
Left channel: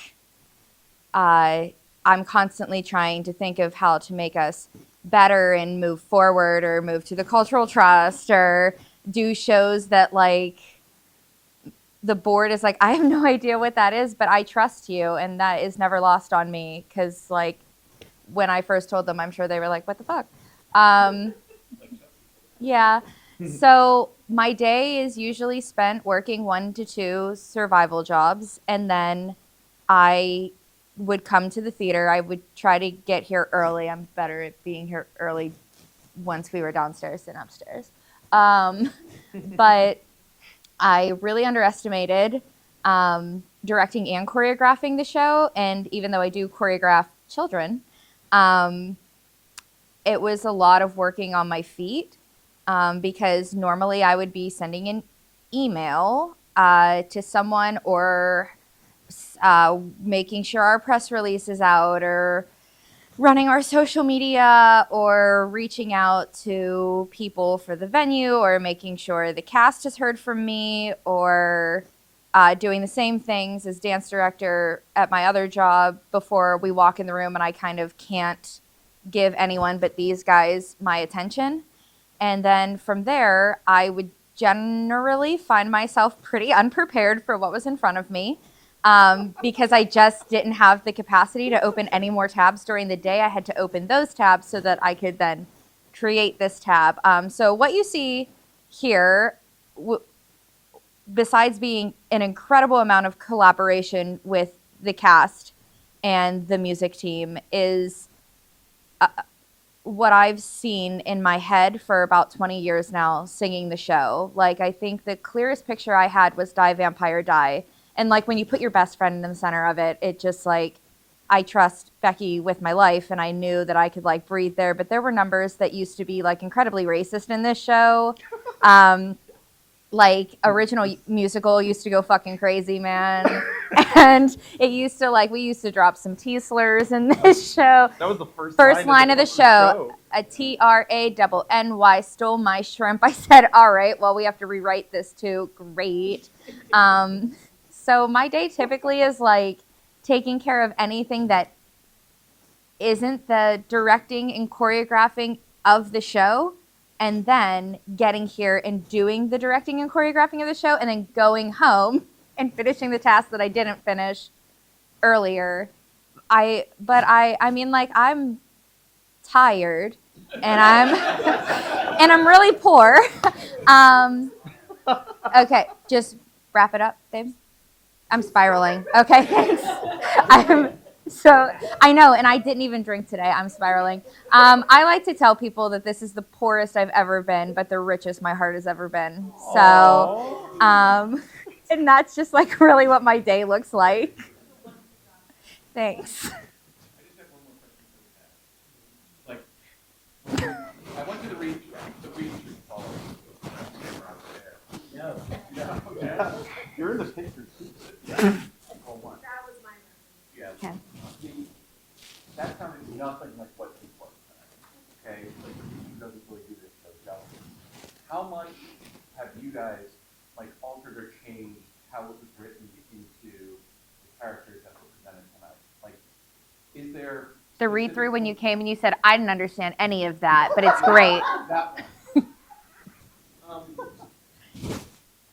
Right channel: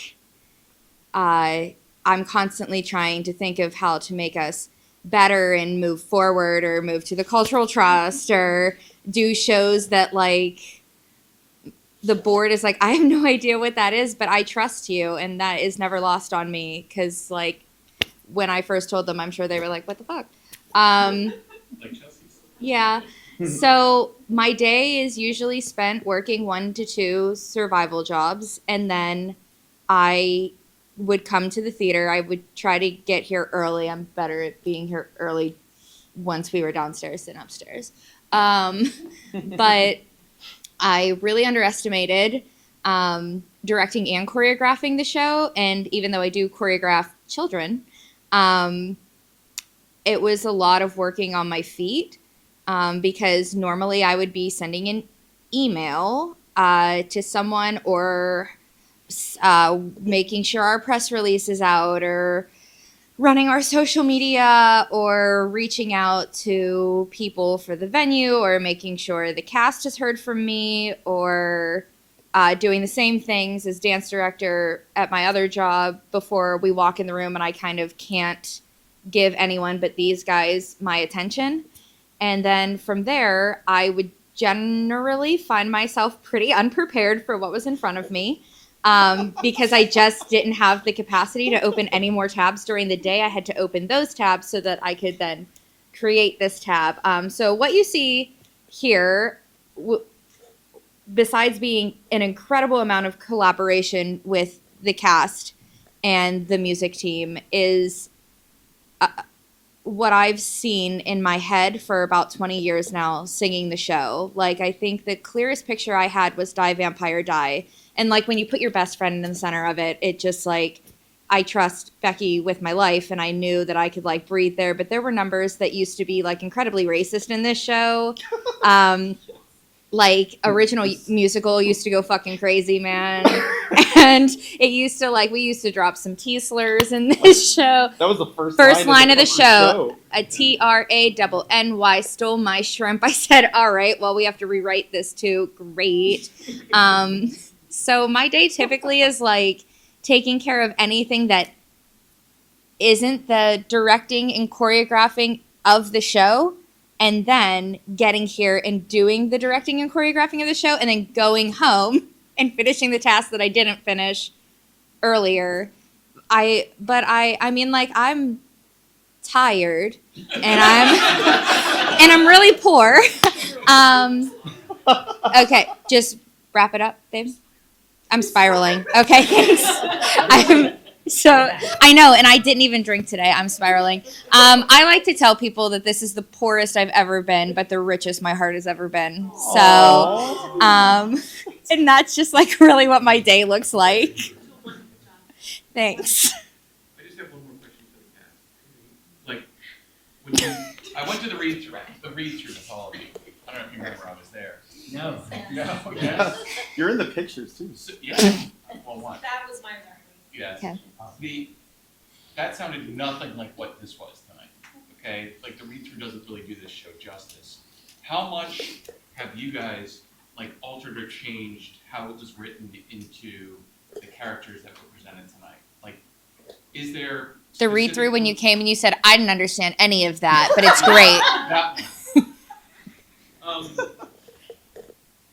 I'm constantly trying to think of how to make us better and move forward, or move to the cultural trust, or do shows that like the board is like, I have no idea what that is, but I trust you, and that is never lost on me, because like when I first told them, I'm sure they were like, what the fuck? Yeah. So my day is usually spent working 1 to 2 survival jobs, and then I would come to the theater. I would try to get here early. I'm better at being here early once we were downstairs than upstairs. But I really underestimated directing and choreographing the show. And even though I do choreograph children, it was a lot of working on my feet because normally I would be sending an email to someone or making sure our press release is out or running our social media or reaching out to people for the venue or making sure the cast has heard from me or doing the same things as dance director at my other job before we walk in the room and I kind of can't give anyone but these guys my attention. And then from there, I would generally find myself pretty unprepared for what was in front of me. Because I just didn't have the capacity to open any more tabs during the day. I had to open those tabs so that I could then create this tab. So what you see here, besides being an incredible amount of collaboration with the cast and the music team, is what I've seen in my head for about 20 years now singing the show. Like, I think the clearest picture I had was Die Vampire Die. And like when you put your best friend in the center of it, it just like, I trust Becky with my life and I knew that I could like breathe there. But there were numbers that used to be like incredibly racist in this show. Like original musical used to go fucking crazy, man. And it used to like, we used to drop some T-slurs in this show. That was the first line of the show. A TRANNY stole my shrimp. I said, all right, well, we have to rewrite this too. Great. So my day typically is like taking care of anything that isn't the directing and choreographing of the show, and then getting here and doing the directing and choreographing of the show, and then going home and finishing the task that I didn't finish earlier. I mean, like, I'm tired and I'm really poor. Okay, just wrap it up, babe. I'm spiraling. Okay, thanks. I know, and I didn't even drink today. I'm spiraling. I like to tell people that this is the poorest I've ever been, but the richest my heart has ever been. So, and that's just like really what my day looks like. Thanks. I just have one more question for the cast. Like, when I went to the read-through to Paul, I don't know if you remember, I was there. No. Yeah. You're in the pictures too. So, yeah. Well, one. That was my memory. Yes. Okay. That sounded nothing like what this was tonight. Okay, like the read-through doesn't really do this show justice. How much have you guys like altered or changed how it was written into the characters that were presented tonight? Like, is there The read-through when you came and you said, I didn't understand any of that, but it's great.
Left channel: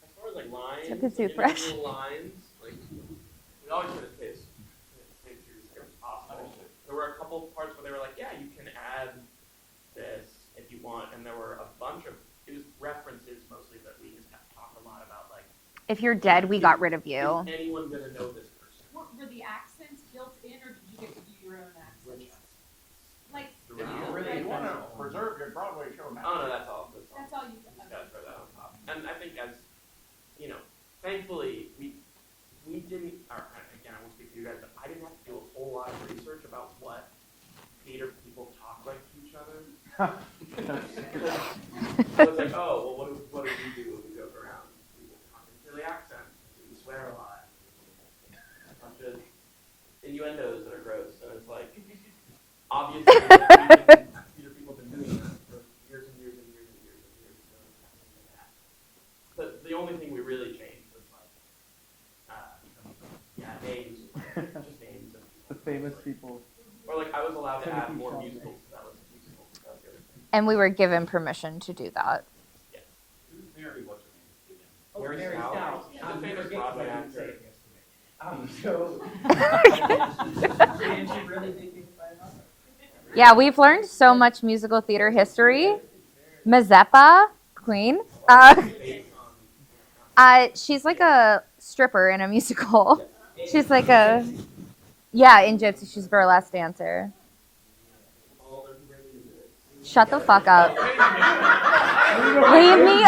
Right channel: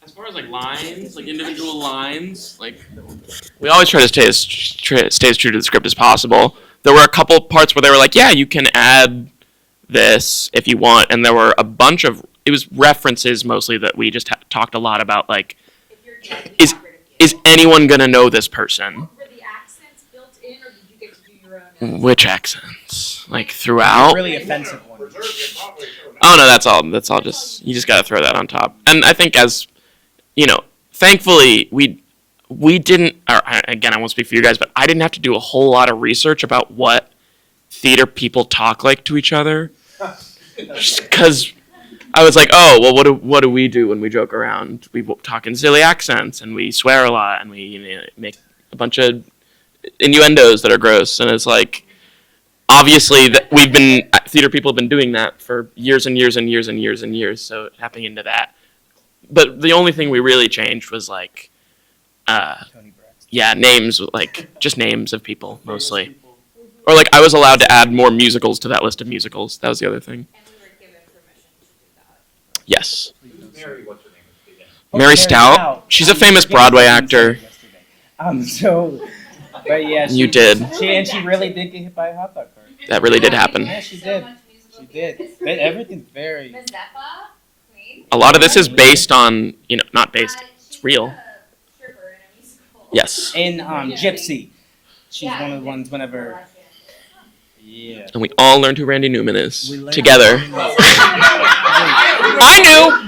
As far as like lines, like individual lines, like we always try to stay as true to the script as possible. There were a couple parts where they were like, yeah, you can add this if you want, and there were a bunch of, it was references mostly that we just talked a lot about, like, If you're dead, we got rid of you. is anyone gonna know this person? Were the accents built in, or did you get to do your own? Which accents? Like throughout? Really offensive one. Oh no, that's all just, you just gotta throw that on top. And I think as, you know, thankfully we didn't, or again, I won't speak for you guys, but I didn't have to do a whole lot of research about what theater people talk like to each other. Because I was like, oh, well, what do we do when we joke around? We talk in silly accents, and we swear a lot, and we make a bunch of innuendos that are gross. And it's like, obviously, theater people have been doing that for years and years and years and years and years, so tapping into that. But the only thing we really changed was like, names, like just names of people mostly. Or like I was allowed to add more musicals to that list of musicals. That was the other thing. And we were given permission to do that. Yes. Mary, what's her name? Mary Stout. She's a famous Broadway actor. But yeah, You did. She really did get hit by a hot dog cart. That really did Yeah, we've happen. learned so much musical theater history. Everything's very. Mazeppa, Queen. A lot of this is based on, not based. She's it's like real. a stripper in a musical. Yes. And She's like a Gypsy. Yeah, one in of the ones Gypsy, she's whenever- burlesque dancer. Yeah. And we all learned who Randy Newman is We learned- Shut the together. fuck up. I knew.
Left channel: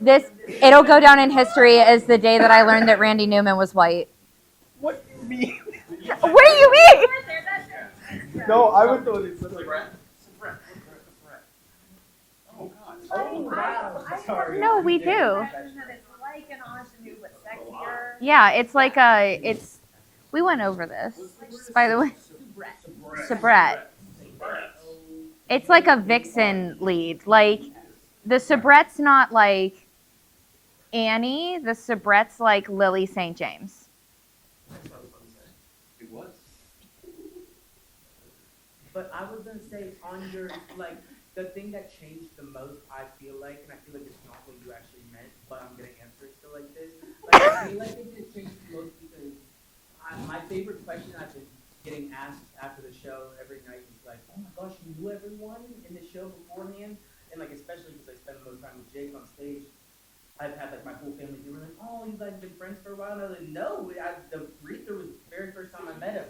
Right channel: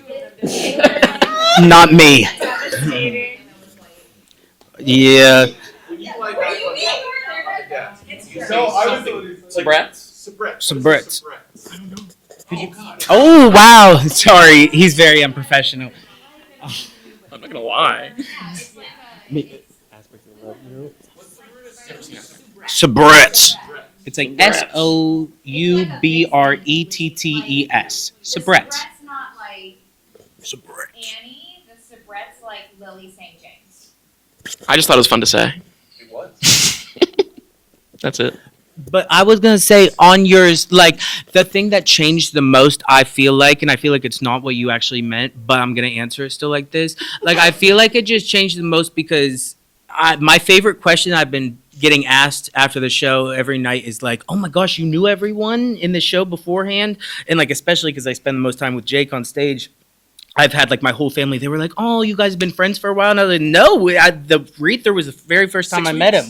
This it'll go down in history Not as me. the day that I learned that Randy Newman was white. Yeah. What do you mean? No, I was Brats. Some Brits. Oh wow! Sorry, No, he's we very do. unprofessional. I'm not gonna lie. Yeah, it's like we went over this, by the way. Sabrett. Sabret. It's like SOUBRETTES. It's like a vixen lead. The Sabret's not like Annie. The Sabret's like Lily St. James. I just thought it was fun to say. It was. That's it. But I was gonna say on yours, like the thing that changed the most, I feel like, and I feel like it's not what you actually meant, but I'm gonna answer it still like this. Like I feel like it just changed the most because my favorite question I've been getting asked after the show every night is like, "Oh my gosh, you knew everyone in the show beforehand," and like especially because I spend the most time with Jake on stage. I've had like my whole family. They were like, "Oh, you guys have been friends for a while." And I was like, "No, the Reether was the very first time I met him,"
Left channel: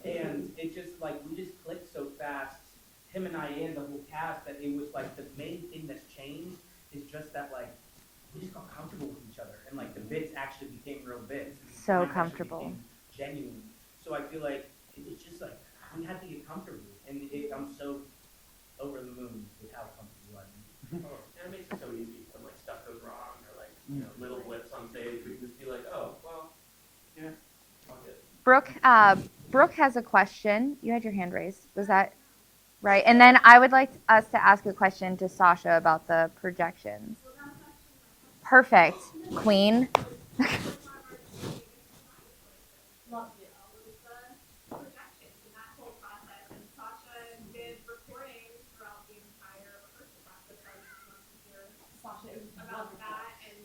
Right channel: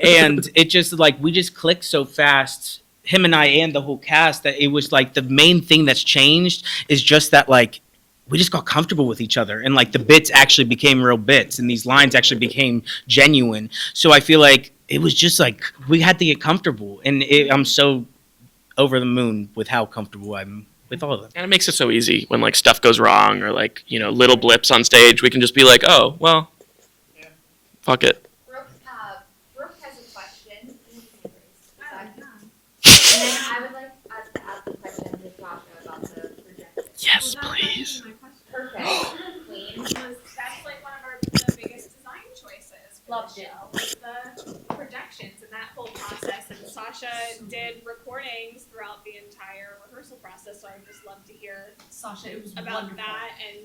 and it just like we just clicked so fast, him and I and the whole cast, that it was like the main thing that's changed is just that like we just got comfortable with each other, and like the bits actually became real bits, and these lines actually became genuine. So I feel like it was just like we had to get comfortable, and I'm so over the moon with how comfortable I'm with all of them. And it makes it so easy when like stuff goes wrong or like, little blips on stage. We can just be like, oh, well, fuck it. Brooke has a question. You had your hand raised. Was that right? And then I would like us to ask a question to Sasha about the projection. Yes, please. Perfect, Queen. That's like one of our biggest design choices for Loved the it. show was the projections and that whole process. And Sasha did recordings throughout the entire rehearsal process, so I'd just love to hear Sasha, it was about wonderful. that and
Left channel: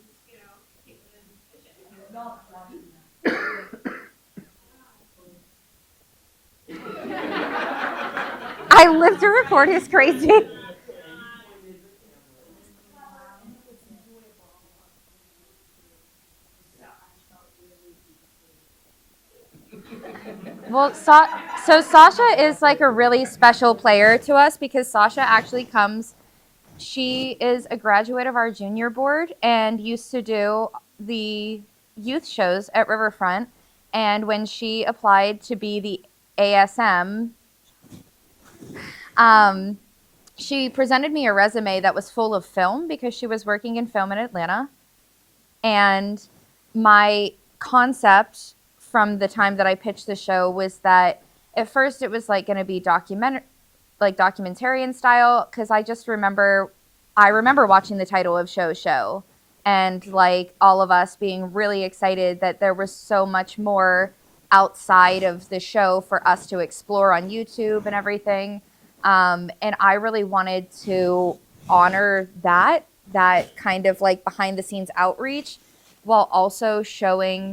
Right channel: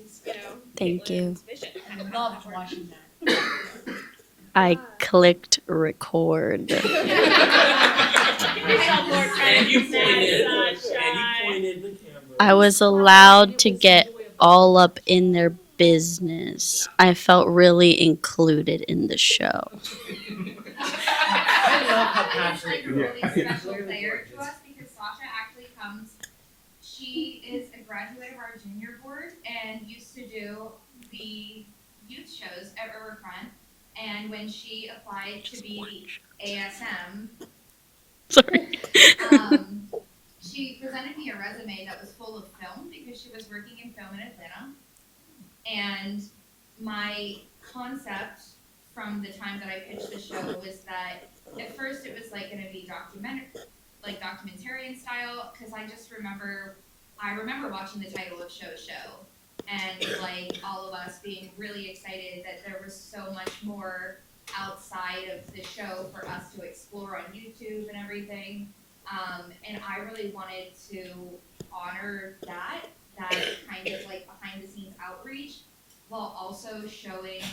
Thank you. Caitlin's vision. I loved watching that. I clicked record. I lived to record is crazy. I was allowed to get all up in their business. I felt really included in the show. Well, so Sasha is like a really special player to us because Sasha actually she is a graduate of our junior board and used to do the youth shows at Riverfront. And when she applied to be the ASM, Sorry. she presented me a resume that was full of film because she was working in film in Atlanta. And my concept from the time that I pitched the show was that at first it was like going to be documentarian style because I remember watching the title of Show and like all of us being really excited that there was so much more outside of the show for us to explore on YouTube and everything. And I really wanted to honor that kind of like behind the scenes outreach while also showing,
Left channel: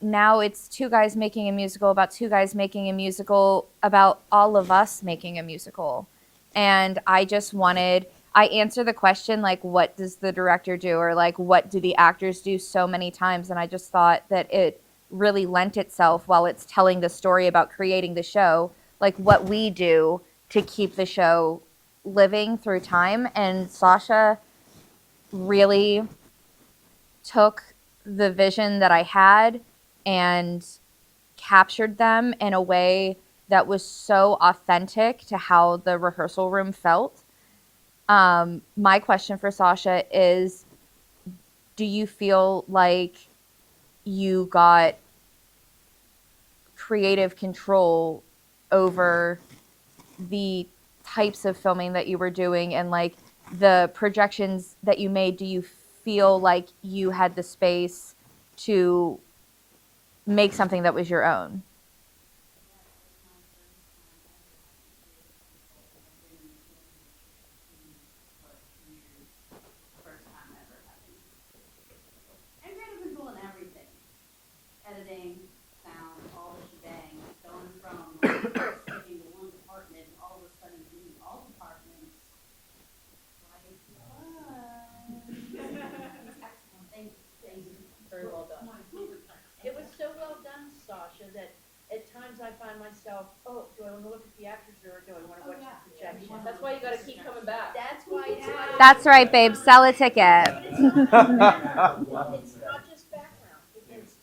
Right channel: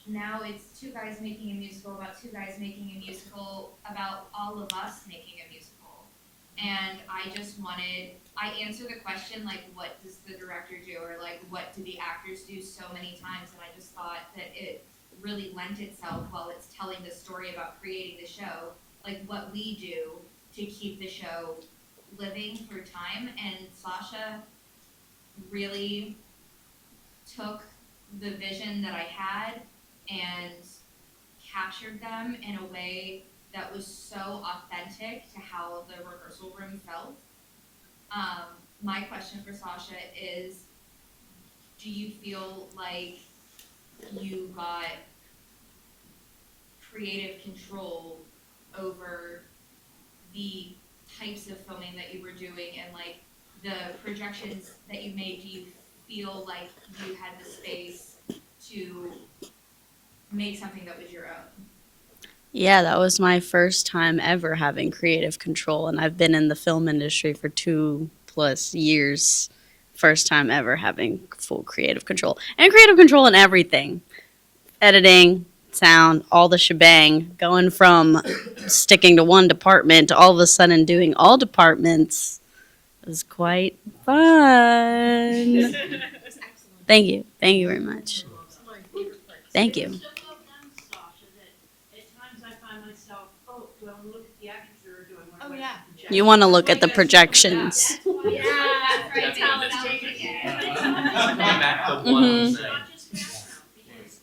now it's two guys making a musical about two guys making a musical about all of us making a musical. And I answer the question, like, what does the director do? Or like, what do the actors do so many times? And I just thought that it really lent itself while it's telling the story about creating the show, like what we do to keep the show living through time. And Sasha really took the vision that I had and captured them in a way that was so authentic to how the rehearsal room felt. My question for Sasha is, do you feel like you got creative control over the types of filming that you were doing and like the projections that you made? Do you feel like you had the space to make something that was your own? Yeah, that was my first time ever having creative control, and I've been in the film industry for 2+ years. First time ever having full creative control. And creative control in everything. Editing, sound, all the shebang, going from sticking to one department to all of a sudden doing all departments was quite fun. Thank you. Thank you very much. Thank you. It's so well done, Sasha, that at times I find myself, oh, do I want to look at the actors or do I want to look at the projections? You want to look at the projections. That's why That's right, babe. Sell a ticket. Mhm. it's not just background, because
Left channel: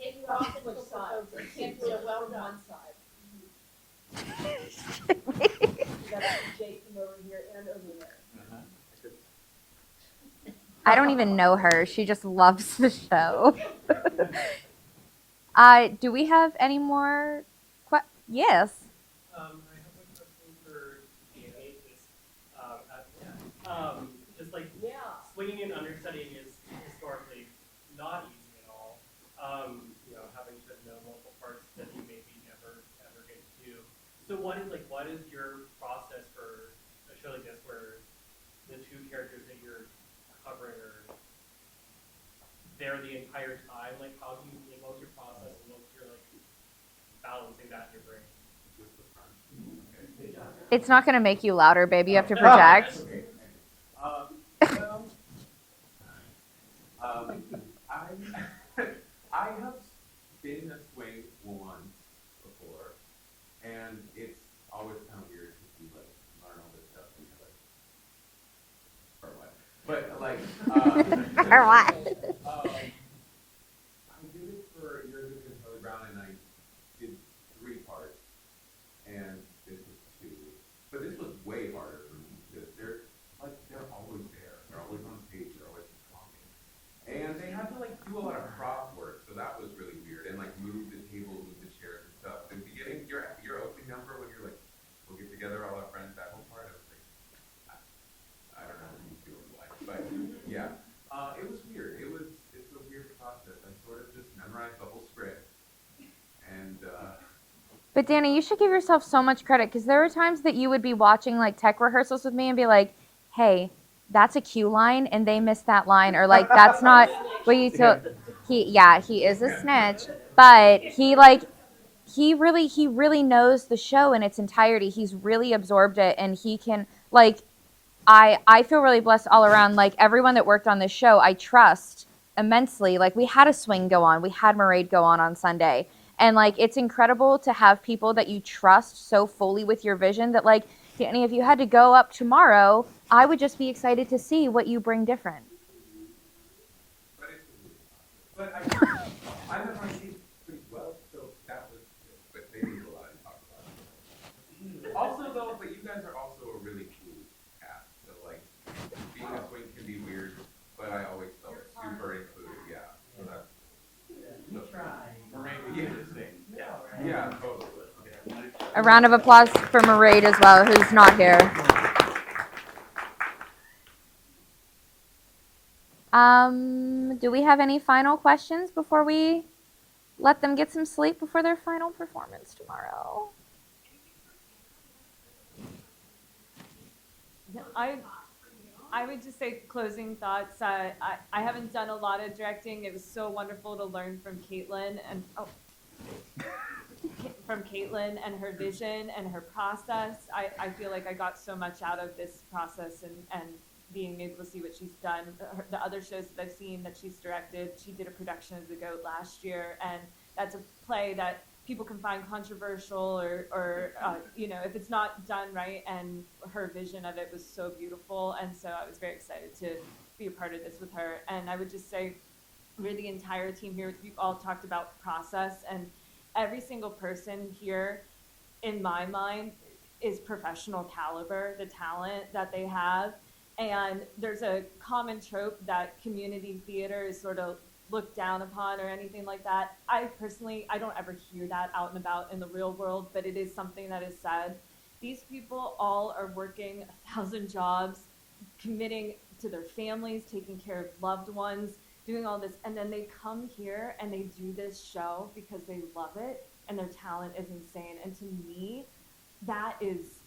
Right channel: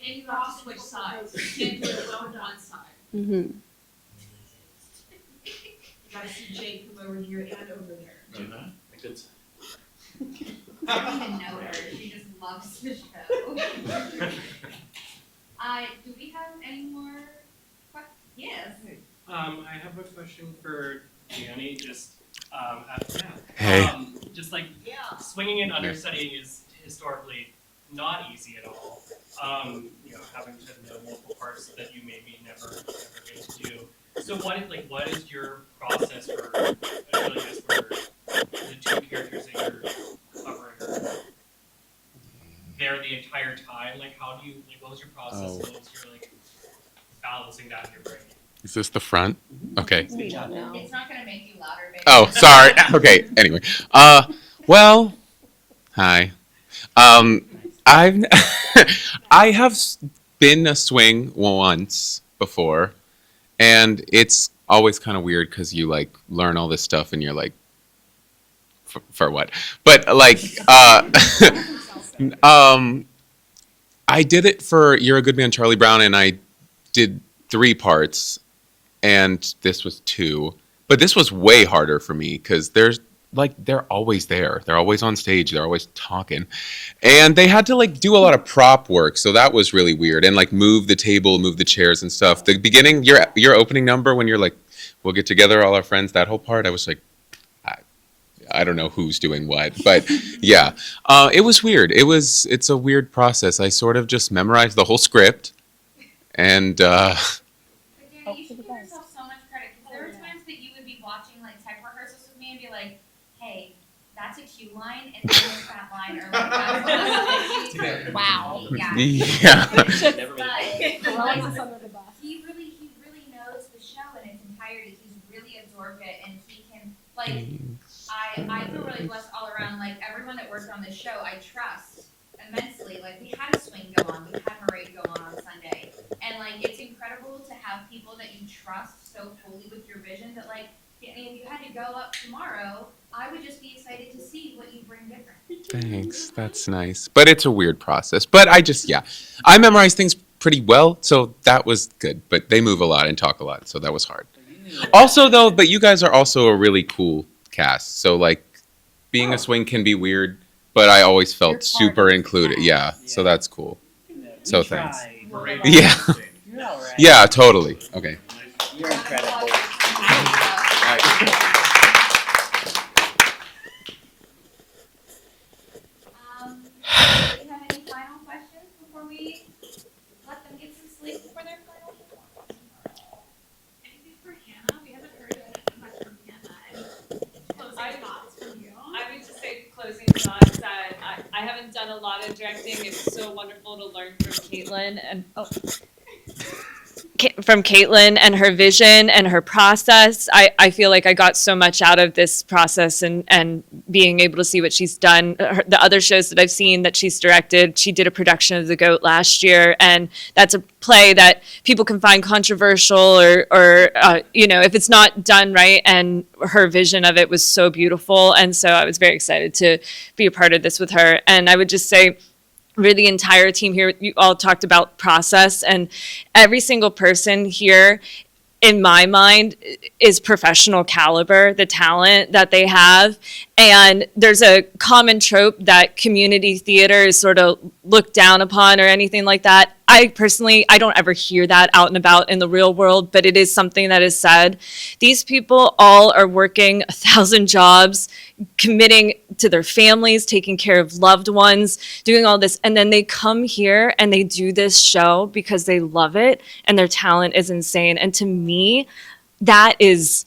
You have to switch sides. You can't do it well on one side. Mhm. you gotta see Jake from over here and over there. I don't even know her. She just loves the show. Do we have any more? Yes. I have a question for Danny. Hey. Just like swinging and understudying is historically not easy at all. Having to know multiple parts that you maybe never get to do. So what is your process for the two characters that you're covering are there the entire time? Like how do you what was your process and what was your balancing that in your brain? Is this the front? Okay. It's not gonna make you louder, baby. Oh, You have to sorry. relax. Okay. Anyway, well, hi. I've I have been a swing once before, and it's always kind of weird because you learn all this stuff and you're like, for what? But I did it for You're a Good Man, Charlie Brown, and I did 3 parts, and this was 2. But this was way harder for me because they're always there. They're always on stage. They're always talking. And they had to do a lot of prop work, so that was really weird. And move the table, move the chairs and stuff. The beginning, your opening number when you're like, we'll get together, all our friends, that whole part, I was like, I don't know who's doing what, but yeah, it was weird. It's a weird process. I sort of just memorized the whole script, and But Danny, you should give yourself so much credit because there were times that you would be watching tech rehearsals with me and be like, "Hey, that's a cue line, and they missed that line," or "That's not what you took." Wow. He is finished, but he really knows the show in its entirety. He's really absorbed it, and he can I feel really blessed all around. Everyone that worked on this show, I trust immensely. We had a swing go on. We had Mairead go on Sunday. And, it's incredible to have people that you trust so fully with your vision that, Danny, if you had to go up tomorrow, I would just be excited to see what you bring different. thanks. That's nice. But it's a weird process. But I memorize things pretty well, so that was good. But they move a lot and talk a lot, so that was hard. Also, though, but you guys are also a really cool cast. So, being a swing can be weird, but I always felt super included. Yeah, so that's cool. So thanks. Yeah. Yeah, totally. Okay. A round of applause for Mairead as well, who's not here. Do we have any final questions before we let them get some sleep before their final performance tomorrow? Anything for Hannah? We haven't heard much from Hannah. I would just say closing thoughts that I haven't done a lot of directing. It was so wonderful to learn from Caitlin and her vision and her process. I feel like I got so much out of this process and being able to see what she's done. The other shows that I've seen that she's directed, she did a production of The Goat last year, and that's a play that people can find controversial or if it's not done right, and her vision of it was so beautiful. And so I was very excited to be a part of this with her. And I would just say, for the entire team here, you all talked about process, and every single person here, in my mind, is professional caliber, the talent that they have. And there's a common trope that community theater is sort of looked down upon or anything like that. I don't ever hear that out and about in the real world, but it is something that is said. These people all are working 1,000 jobs, committing to their families, taking care of loved ones, doing all this. And then they come here and they do this show because they love it and their talent is insane. And to me, that is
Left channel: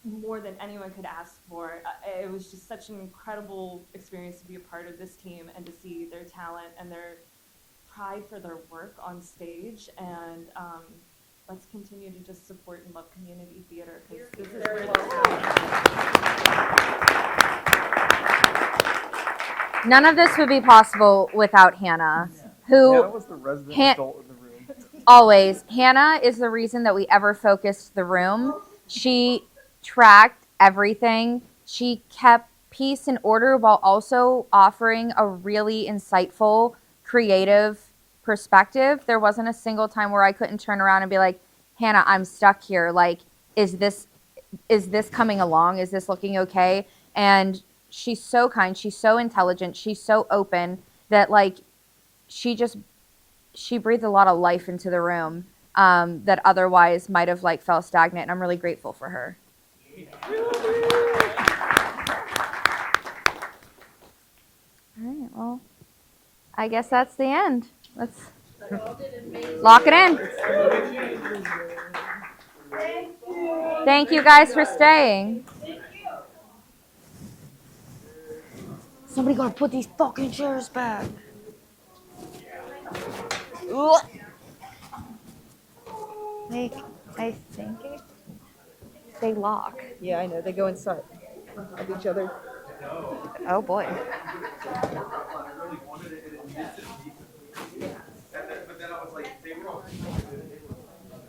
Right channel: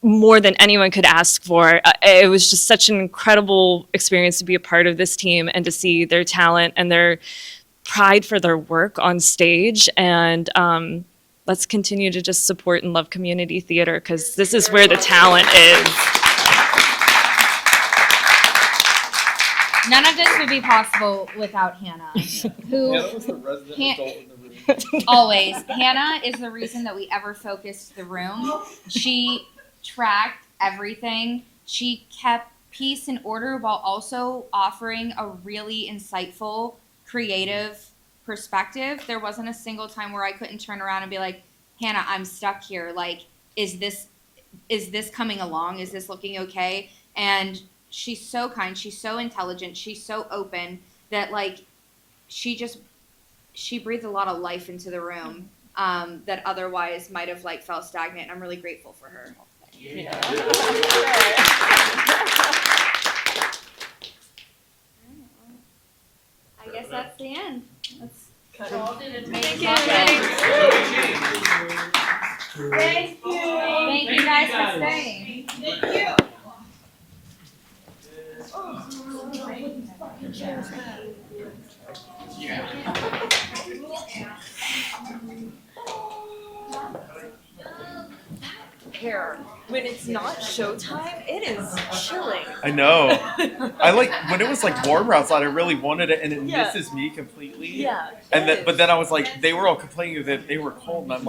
more than anyone could ask for. It was just such an incredible experience to be a part of this team and to see their talent and their pride for their work on stage, and let's continue to just support and love community theater because this is where the talent is. None of this would be possible without Hannah, who always. Hannah is the reason that we ever focused the room. She tracked everything. She kept peace and order while also offering a really insightful, creative perspective. There wasn't a single time where I couldn't turn around and be like, Hannah, I'm stuck here. Like, is this coming along? Is this looking okay? And she's so kind. She's so intelligent. She's so open that like she breathed a lot of life into the room that otherwise might have like felt stagnant. And I'm really grateful for her. All right, well, I guess that's the end. Let's lock it in. Thank you. Thank you guys for staying. Thank you. Somebody gonna put these fucking chairs back. I think they lost. When it's not showtime, it is chilling. I know. Oh boy. I like when it was like warmer outside. I really wanted it, and it Yeah. misses me completely. Yeah. And then, but then I was like, they were all complaining that they were cold, and I'm like.